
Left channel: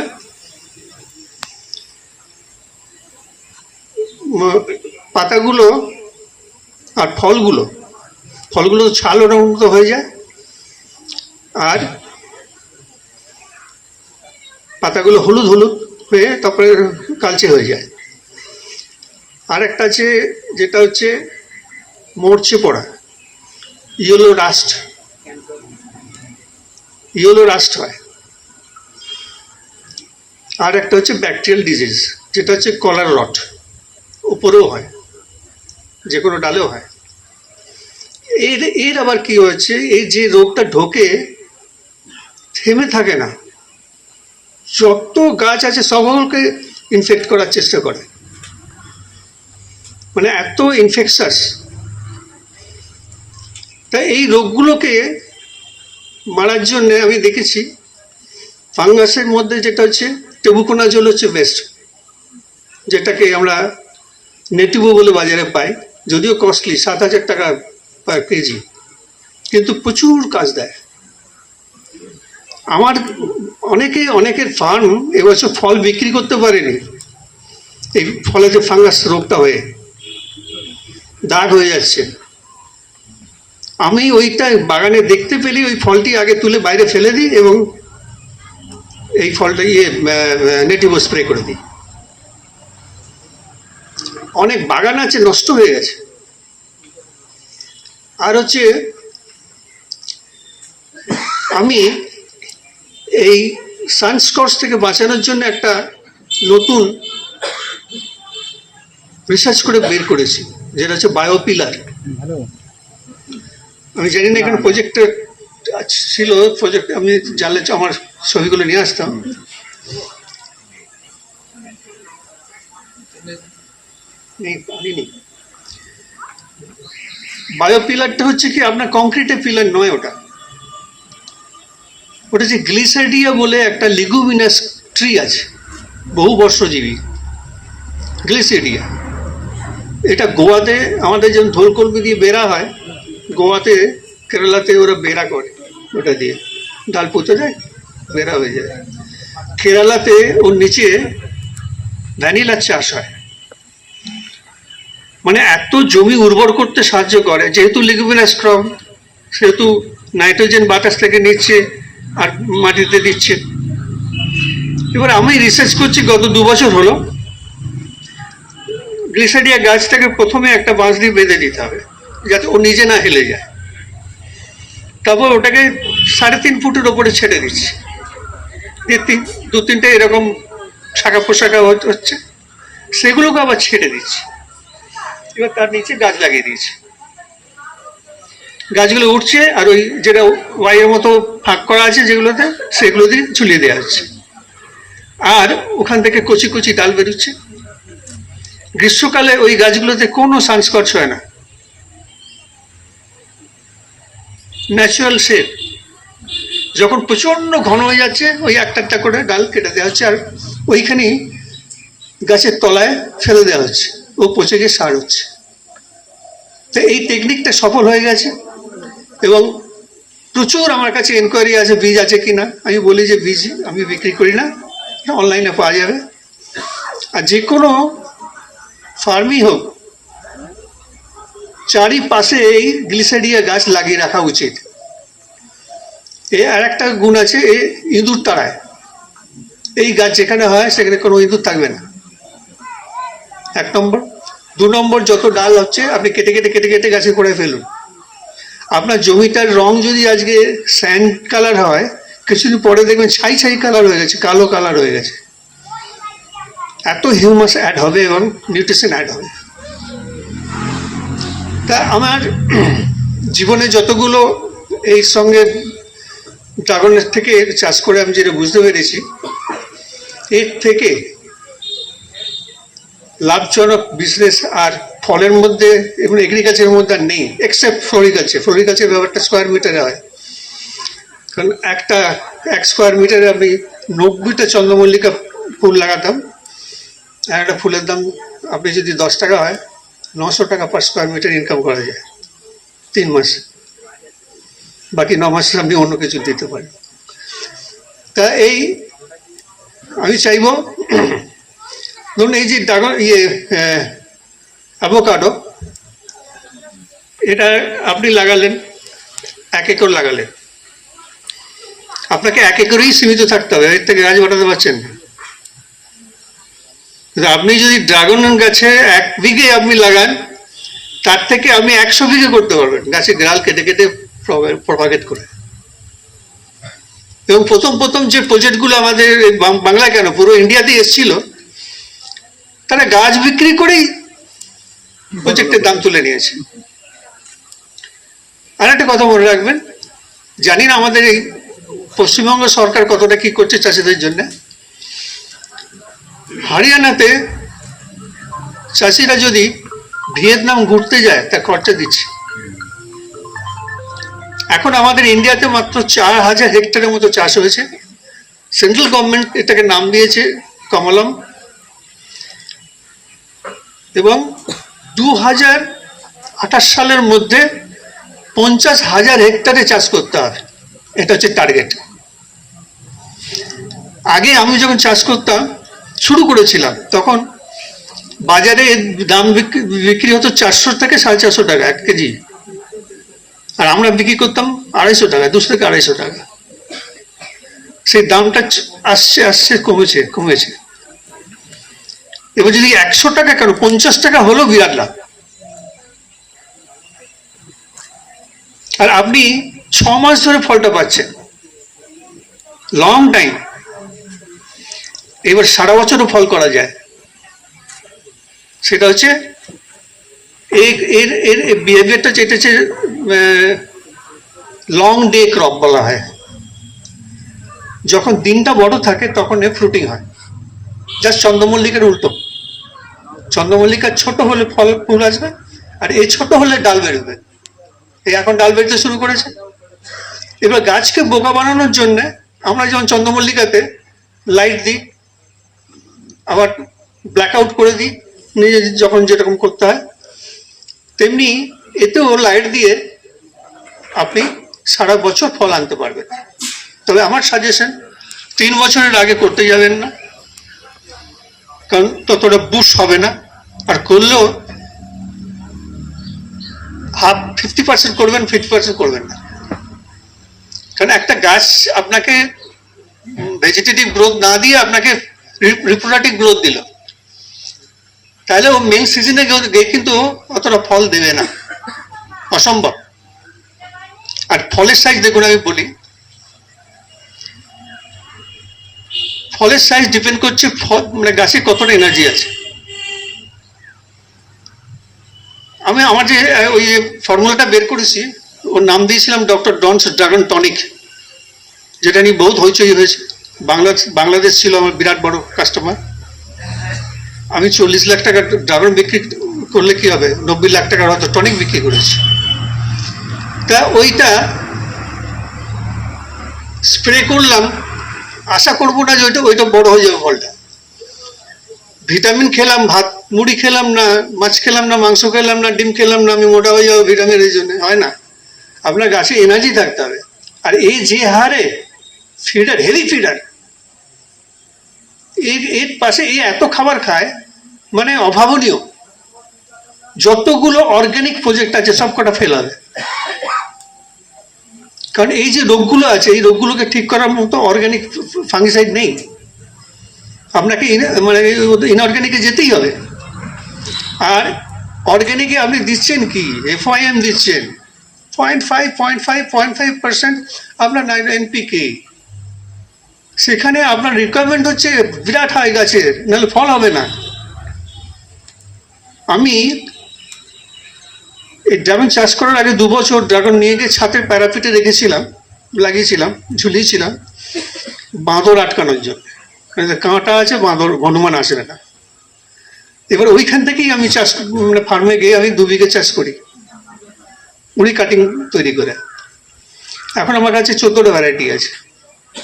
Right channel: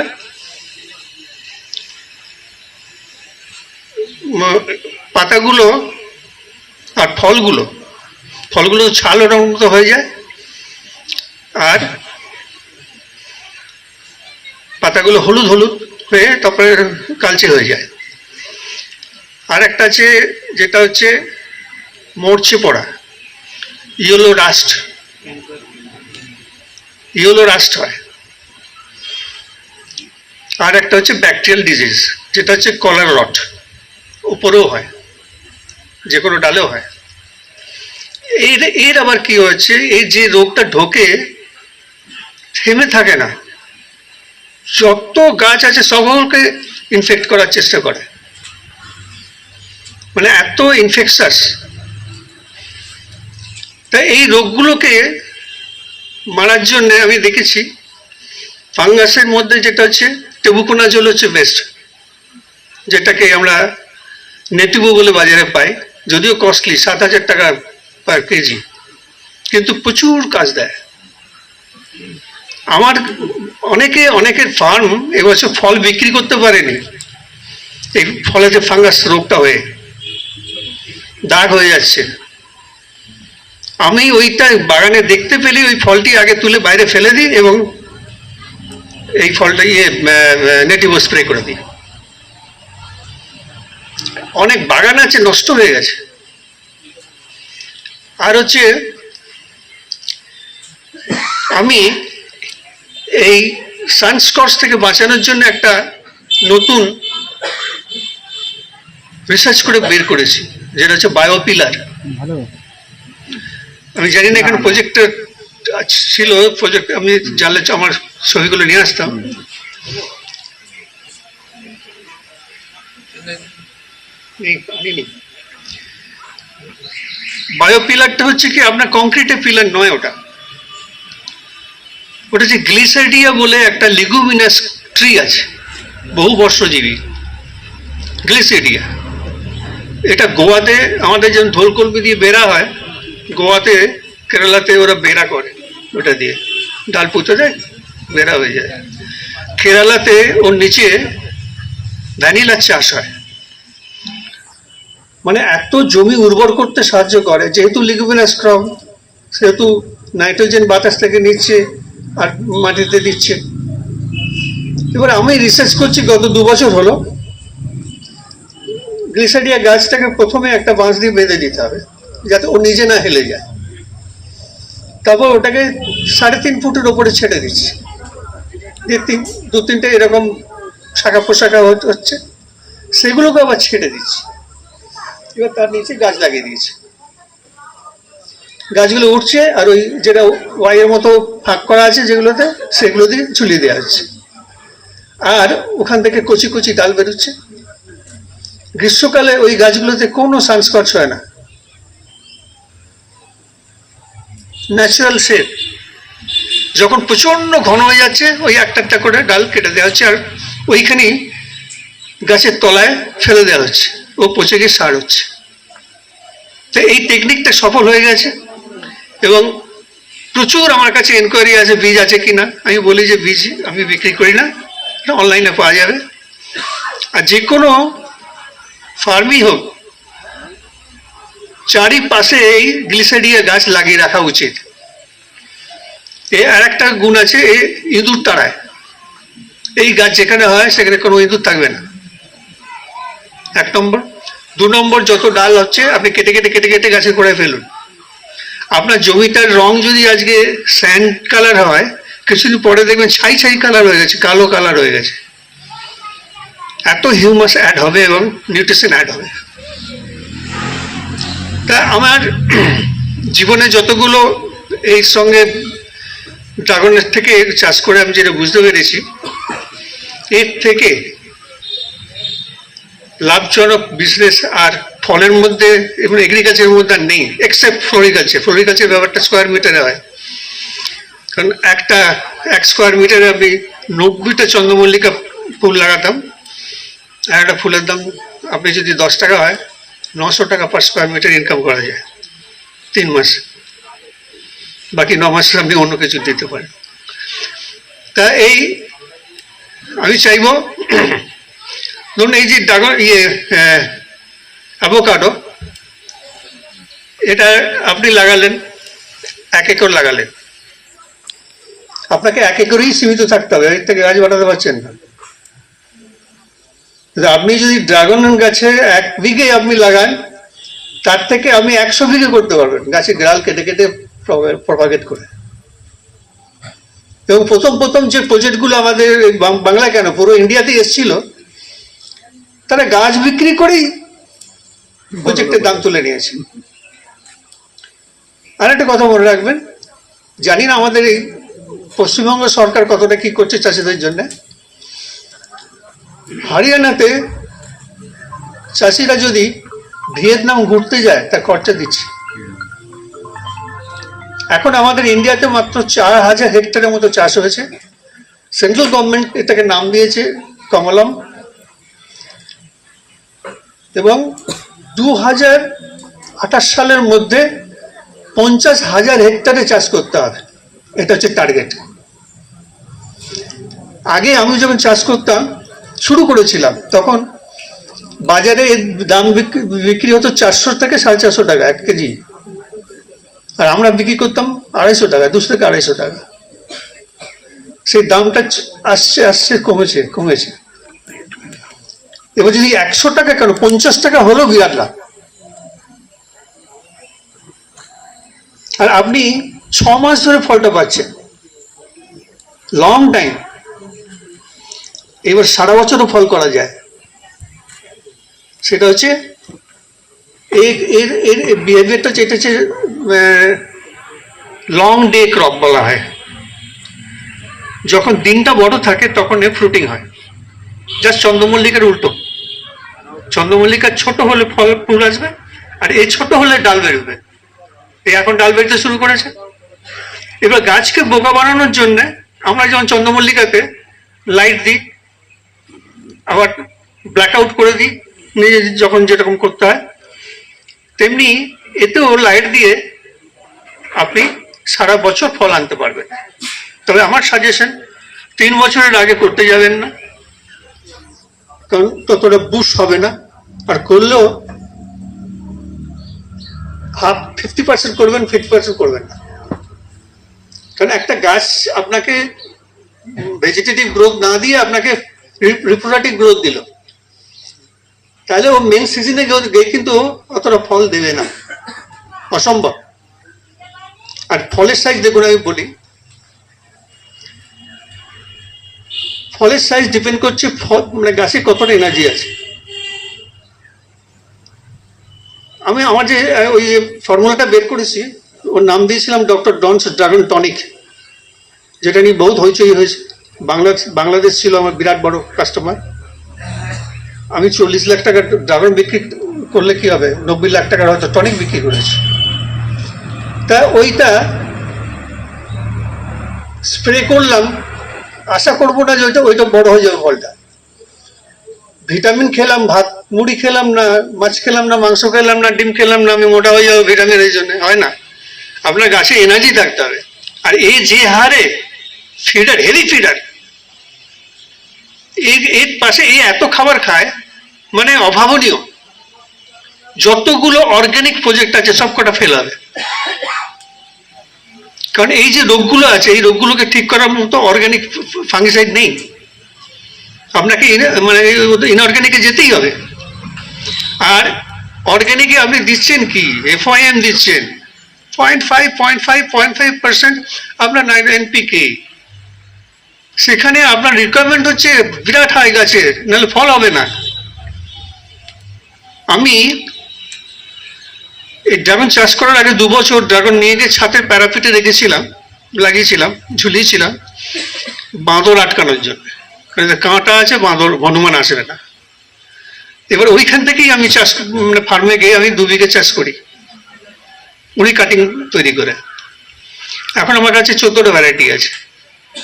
পাতাগুলো আর ফলগুলো ছাল ওটার মতো হয়ে যায়, আর পাতাগুলো হলুদ হলুদ হয়ে তারপরে কালচে হয়ে যায়। আর একটা আছে যেটা হচ্ছে মরচে পড়া, ইয়েলো রাস্ট হয়। আর একটা হচ্ছে ব্যাকটেরিয়াল ডিজিজ, যেটা হচ্ছে কলার রট, উপরেও হয়, যে কোনো ডালেও হয়। এর আবার কি হচ্ছে, এই যে রোগটা ঢোকে থেমে থাকে না, যত গাছ আছে সকলকে ইনফেক্ট করার চেষ্টা করে, মানে এত ইনফেকশাস। তাই এই রোগগুলোকে মারার জন্য আমি দেখেছি ফাঙ্গাসের মধ্যে যেটা হচ্ছে টেবুকোনাজোল হচ্ছে বেস্ট, যেটাকে আমরা নেটিভো বলে বাজারে পাই, যদিও কস্টলি, 7,000 টাকা পার কেজি, কিন্তু প্রচুর কাজ দেয়। আমার অনেকের ফার্ম এবছর ফল বিক্রি করতে পারেনি, এই ফলে যে ফাঙ্গাস রোগটা হয়ে দাগ হয়ে যাচ্ছে। আমি ওইটা বাগানে দেখতে পেলে ওই ফলটি আগে তুলে বাইরে ফেলে দিই এবং এই ফলটা নেটিভো স্প্রে করে দিই। অনেক বাগান আছে নষ্ট হয়ে গেছে। আর হচ্ছে আমি এই সানস্কচ থেকে বাঁচানোর জন্য একটা নতুন রিসার্চ করে বের করেছি, যেটা হচ্ছে বায়োপিলার। আমি জানি না এখানে প্রজেক্টটা ছিল, প্রজেক্ট আমি জানলে আমার ছবিগুলো নিয়ে আসতাম। বায়োপিলারটা হচ্ছে কি আপনার কংক্রিটের পিলার নয়, ওটা হচ্ছে গ্লিসাইডিয়া বলে একটা লিগুমিনাস ট্রি আছে, বহু বর্ষজীবী গ্লিসাইডিয়া। এটা গোয়াতে আমাদের যেমন ধোলকলমি দিয়ে বেড়া হয়, গোয়াতে কেরালাতে ওরা বেড়া করে, ওটা দিয়ে ডাল পুঁতে দেয়, বেড়া হয়ে যায়। কেরালাতে ওর নিচে ভ্যানিলার চাষ হয়, মানে এত জমি উর্বর করতে সাহায্য করে। যেহেতু লিগুমিনাস ক্রপ, সেহেতু নাইট্রোজেন বাতাস থেকে নিচ্ছে আর মাটিতে দিচ্ছে। এবার আমি রিসার্চ করছি গত 2 বছর হলো, গ্লিসাইডিয়া গাছটাকে প্রথমে একটা বাঁশ দিয়ে বেঁধে দিতে হবে যাতে ও নিজে না হেলে যায়। তারপর ওটাকে 3.5 ফুটের ওপরে ছেড়ে দিচ্ছি, দিয়ে 2-3টে এরকম শাখা পোশাখা হচ্ছে, সেগুলোকে আবার ছেড়ে দিচ্ছি। এবার তার নিচে গাছ লাগিয়ে দিয়েছি, গাছগুলো উঠছে, আর ওই যেটা ওয়াইয়ের মতো ফাঁক করা আছে যেগুলোতে, সেগুলো দিয়ে ঝুলিয়ে দেওয়া হচ্ছে, আর ওখান থেকে কচি কচি ডাল বেরোচ্ছে। গ্রীষ্মকালে ওই গাছগুলোতে কোনো সানস্কচ হয় না, ন্যাচারাল শেপ। যখন প্রচন্ড ঘন হয়ে যাচ্ছে, ওই একটা করে ডাল কেটে দেওয়া হচ্ছে, আর ওইখানেই গাছের তলায় ফেলে দেওয়া হচ্ছে, ও পচে গিয়ে সার হচ্ছে। তো এই টেকনিকটা সফল হয়ে গেছে, এবং প্রচুর আমার কাছে এনকোয়ারি আছে বীজ আছে কিনা। আমি বলি যে বীজ আমি বিক্রি করি না, অনলাইনে পাওয়া যাবে। আর যে কোনো ফার্মই হোক, চারিপাশে এই গ্লিসাইডিয়া গাছ লাগিয়ে রাখা উচিত। আর একটা গুণ আছে, এই ইঁদুর তাড়ায়। এই গাছ যেখানে হয় সেখানে কোনো ইঁদুর থাকবে না, 1 নম্বর। 2 নম্বর, যত ডাল হচ্ছে আপনি কেটে কেটে কেটে কেটে গাছে করে ফেলুন। আপনার জমিটার রং যদি আজকে স্যান্ড কালার হয়, কিছুদিন পরে দেখবেন ছাই ছাই কালার হয়ে গেছে, কালো কালার হয়ে গেছে। এত হিউমাস অ্যাড হবে এবং নিউট্রিশন অ্যাড হবে। তা আমার জীবনে যতগুলো এই সঙ্গে ড্রাগনের থেকে চাষ করে আমি যেটা বুঝতে পেরেছি, এর থেকে লাভজনক বিজনেস আর ফলের মধ্যে এবং এগ্রিকালচারের মধ্যে আর নেই, এক্সেপ্ট ফ্লোরিকালচার। ফ্লোরিকালচার ব্যাপারটা স্কোয়ার মিটারে হয়, কারণ এক স্কোয়ার মিটারে আমি 90টা চন্দ্রমল্লিকা ফুল লাগাতাম, আর একটা ফুলের দাম আপনি যদি 10 টাকা হয়, 900 টাকা পার স্কোয়ার মিটার ইনকাম করা যায় 3 মাসে। বাকি 9 মাসে আপনি অন্য কিছু দিতে পারেন। তা এই আমি চাইব, ধরুন এই যে অ্যাভোকাডো, এটা আপনি লাগালেন, 1 একর লাগালেন, আপনাকে 1 একরেই সীমিত থাকতে হবে, এর থেকে গাছ বাড়াতে পারছেন না। আপনি যদি ড্রাগন গাছে 1 বিঘে আপনি লাগান, তার থেকে আপনি 100 বিঘে করতে পারবেন, গাছে গ্রাল কেটে কেটে প্রপাগেট করে। এবং প্রথম যে প্রজেক্টগুলো আমাদের বাংলা কেন পুরো ইন্ডিয়াতেই এসেছিল, তারা গাছ বিক্রি করেই প্রজেক্টের দাম তুলে নিয়েছে। আর একটা কথা মনে রাখবেন, জানি না আমাদের এই পশ্চিমবঙ্গ সরকার কতটা কি করছে চাষিদের জন্য। হরিয়ানাতে চাষিরা যদি ভিয়েতনাম ঘুরতে যায়, তার খরচা দিচ্ছে। এখন আমাদের ইন্ডিয়াতে মাত্র 4000 হেক্টরের মতো চাষ হয়েছে। সেন্ট্রাল গভর্নমেন্ট এটাকে নাম দিয়েছে কমলম, এবং 2028 সালের মধ্যে 50,000 হেক্টরে চাষ করতে হবে, এটা হচ্ছে টার্গেট। আগে আমি যখন চাষ করতাম, শুরু করেছিলাম, তখন বাজারে এর দাম বিক্রি হতো 400 থেকে 450 টাকা 1 কেজি, আর আমরা বিক্রি করতাম 250 টাকা, 200 থেকে 250 টাকা। সেই দামটা আসছে কমেছে। এবার যদি 100 টাকা কেন 50 টাকা হলেও বিরাট লাভ। আর আপনি 6 মাস ধরে ফলটা পাচ্ছেন, লং টাইম। এবার সারা বছরও ফল করা যায়। সেটা হচ্ছে এর বিহেভিয়ারটা, যেটা হচ্ছে লং ডে ক্রপ বলা হয়। যখন দিনটা বড় থাকে তখন এর ফ্রুটিং হয়, জাস্ট চন্দ্রমল্লিকার উল্টো। চন্দ্রমল্লিকা ছোট হলে ফুল আসবে, আর এই ছোট হলে ডাল বেরোবে। এই এখন ডাল বেরোতে শুরু করেছে। এবার গাছকে বোকা বানানোর জন্য আমরা যেমন চন্দ্রমল্লিকাতে লাইট দিই, আবার ব্ল্যাক আউট করে দিই নিজে যখন যেরকম করতে হয়, তেমনি এতেও লাইট দিয়ে আপনি সারা বছর ফল আনতে পারবেন। তবে আমার সাজেশন, 3 বছরের আগে করতে যাবেন না, কারণ ততটা বুশ হবে না। আর করলেও 50% করবেন, 50% করবেন না। কারণ একটা গাছ আপনাকে ভেজিটেটিভ গ্রোথ না দিয়ে আপনাকে রিপ্রোডাক্টিভ গ্রোথ দিল, তাহলে ও মেন সিজনে গিয়ে কিন্তু অতটা ফল দেবে না, অসম্ভব। আর ফলের সাইজ দেখুন, আমি বলি, ফলের সাইজ ডিপেন্ড করছে মানে গাছে কতটা এনার্জি আছে। আমি আমার যে ওই ফর্মুলাটা বের করেছি, ওর নাম দিয়েছিলাম ডক্টর ডনস ড্রাগন টনিক, যেটা নিয়ে বহুত হইচই হয়েছে। বাংলাদেশ ছিল আমার বিরাট বড় কাস্টমার। আমি 40 লাখ টাকা ড্রাগন বিক্রি করলে কি হবে, 90 লাখ টাকার হয়তো টনিক বিক্রি করেছি। তা ওইটা স্প্রে করলাম, আশা করবো না যে ওইটা বড় হয়ে যাবে ফলটা। ভিটামিন খেলাম, ভাত মুড়ি খেলাম না, মাছ খেলাম না, মাংস খেলাম না, ডিম খেলাম না, আমি মোটা হয়ে যাবো ভিটামিনের জন্য, হয় না। আপনার গাছে এনার্জি থাকতে হবে। আর এই যে হারে ফিডার, হেভি ফিডার, এর পাশে এই এত খাবার খায়, মানে অভাবনীয়। যতগুলো অর্গানিক প্রজেক্ট আছে সব কটা ফেল হবে, কারণ এই যে রোগগুলো আছে, এই রোগগুলোকে ঠিক করার মতো অর্গানিক ফাঙ্গিসাইড নেই। আপনাকে মানে ইনঅর্গানিকে যেতেই হবে। আর অর্গানিকে আপনি দিচ্ছেন কি, FIM দিচ্ছেন 0.5% আপনার NPK। সেখানে আপনার রিকোয়ারমেন্ট হচ্ছে বিরাট হাই গাছের, নাহলে ফল হবে না। আমি এই ড্রাগন চাষ করার আগে 2 বছর ড্রাগন নিয়ে গিয়ে ছাদের প্যারাপিটে লাগিয়েছিলাম, ঝুলিয়েছিলাম বাঁদর আটকানোর জন্য। কারণ কাঁটা আছে, বাঁদর হনুমান আসবে না। এবার ওইখান থেকেই আমি চাষ, মানে ফার্মে গিয়ে আমি 2 বিঘে চাষ করি উনি কাটিং তৈরি করে। এখন আমার কাছে 14টা ভ্যারাইটি আছে।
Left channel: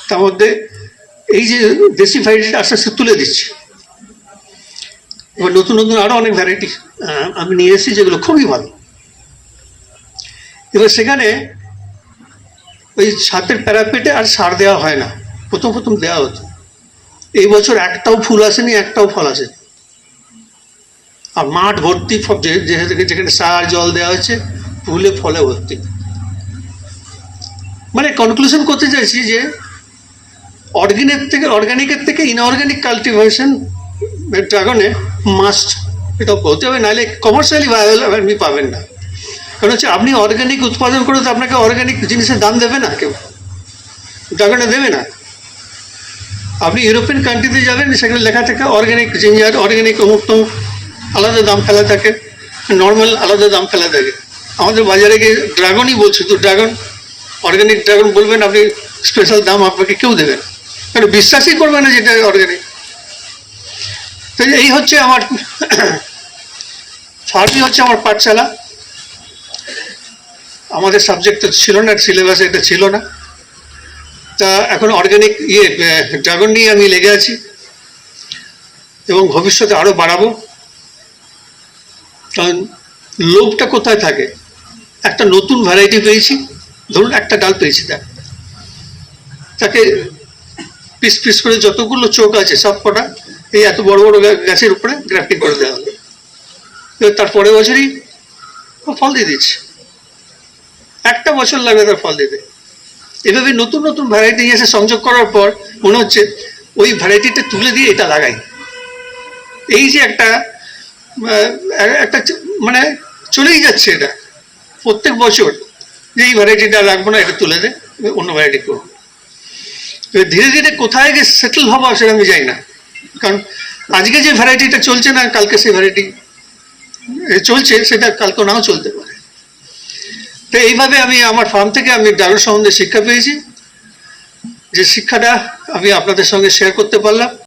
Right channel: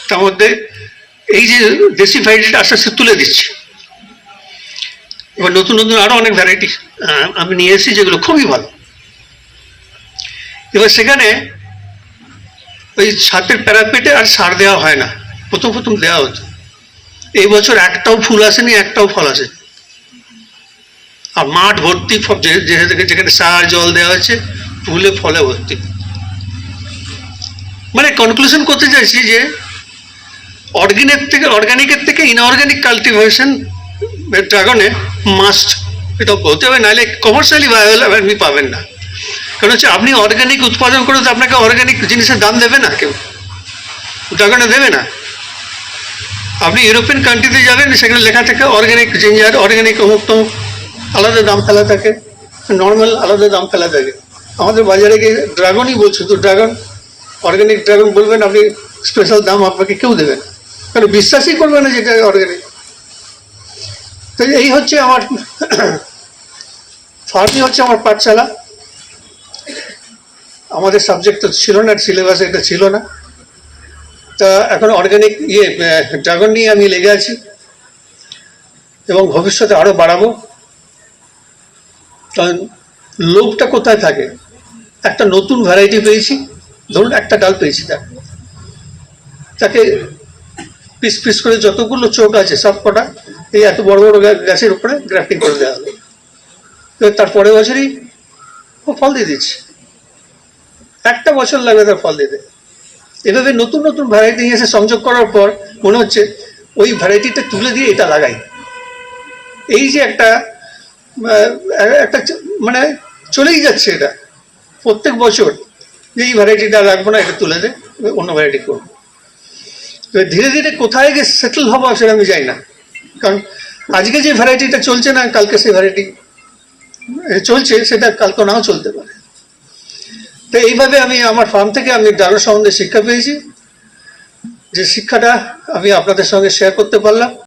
তার মধ্যে এই যে দেশি ভ্যারাইটিটা আস্তে আস্তে তুলে দিচ্ছি। এবার নতুন নতুন আরো অনেক ভ্যারাইটি আমি নিয়ে এসেছি যেগুলো খুবই ভালো। এবার সেখানে ওই ছাদের প্যারাপেটে আর সার দেওয়া হয় না, প্রথম দেওয়া হতো। এই বছর একটাও ফুল আসেনি, একটাও ফল আসেনি। আর মাঠ ভর্তি, যেখানে সার জল দেওয়া হচ্ছে ফুলে ফলে ভর্তি। মানে কনক্লুশন করতে চাইছি যে অর্গানিকের থেকে ইনঅর্গানিক কাল্টিভেশন ড্রাগনে মাস্ট এটা হতে হবে, নাহলে কমার্শিয়ালি ভাইবেল আপনি পাবেন না। কারণ হচ্ছে আপনি অর্গানিক উৎপাদন করে তো আপনাকে অর্গানিক জিনিসের দাম দেবে না, কেউ ড্রাগনে দেবে না। আপনি ইউরোপিয়ান কান্ট্রিতে যাবেন, সেখানে লেখা থাকে অর্গানিক জিঞ্জার, অর্গানিক অমুক তমুক, আলাদা দাম ফেলা থাকে, নর্মাল আলাদা দাম ফেলা থাকে। আমাদের বাজারে গিয়ে ড্রাগনই বলছে, তো ড্রাগন অর্গানিক ড্রাগন বলবেন, আপনি স্পেশাল দাম আপনাকে কেউ দেবেন, কারণ বিশ্বাসই করবে না যেটা অর্গানিক। তো এই হচ্ছে আমার ফার্মই হচ্ছে আমার পাঠশালা। আমাদের সাবজেক্ট তো ছিল না, সিলেবাসে এটা ছিল না। তা এখন অর্গানিক ড্রাগন নিয়ে আমি লেগে আছি এবং ভবিষ্যতে আরো বাড়াবো। কারণ লোভটা কোথায় থাকে? একটা নতুন ভ্যারাইটি পেয়েছি, ধরুন একটা ডাল পেয়েছি, তাকে পিস পিস করে যতগুলো চোখ আছে সব কটা এই এত বড় বড় গাছের উপরে গ্রাফটিং করে দেওয়া হলো। তার পরের বছরই ফল দিয়ে দিচ্ছে, একটা বছর লাগবে তার ফল দিতে। এভাবে নতুন নতুন ভ্যারাইটি নিয়ে এসে সংযোগ করার পর মনে হচ্ছে ওই ভ্যারাইটিটা তুলে দিয়ে এটা লাগাই। এই যে একটা মানে চলেই যাচ্ছে এটা প্রত্যেক বছর, যে এই ভ্যারাইটিটা রাখবো না, এটা তুলে দে, অন্য ভ্যারাইটি করবো। ধীরে ধীরে কোথায় গিয়ে সেটেল হবো সেটা আমি যাই না, কারণ আজকে যে ভ্যারাইটিটা চলছে না, কালকে সেই ভ্যারাইটি চলছে, সেটা কালকে নাও চলতে পারে। তো এইভাবে আমি আমার ফার্ম থেকে আমি ড্রাগন সম্বন্ধে শিক্ষা পেয়েছি, যে শিক্ষাটা আমি আপনাদের সঙ্গে শেয়ার করতে পারলাম।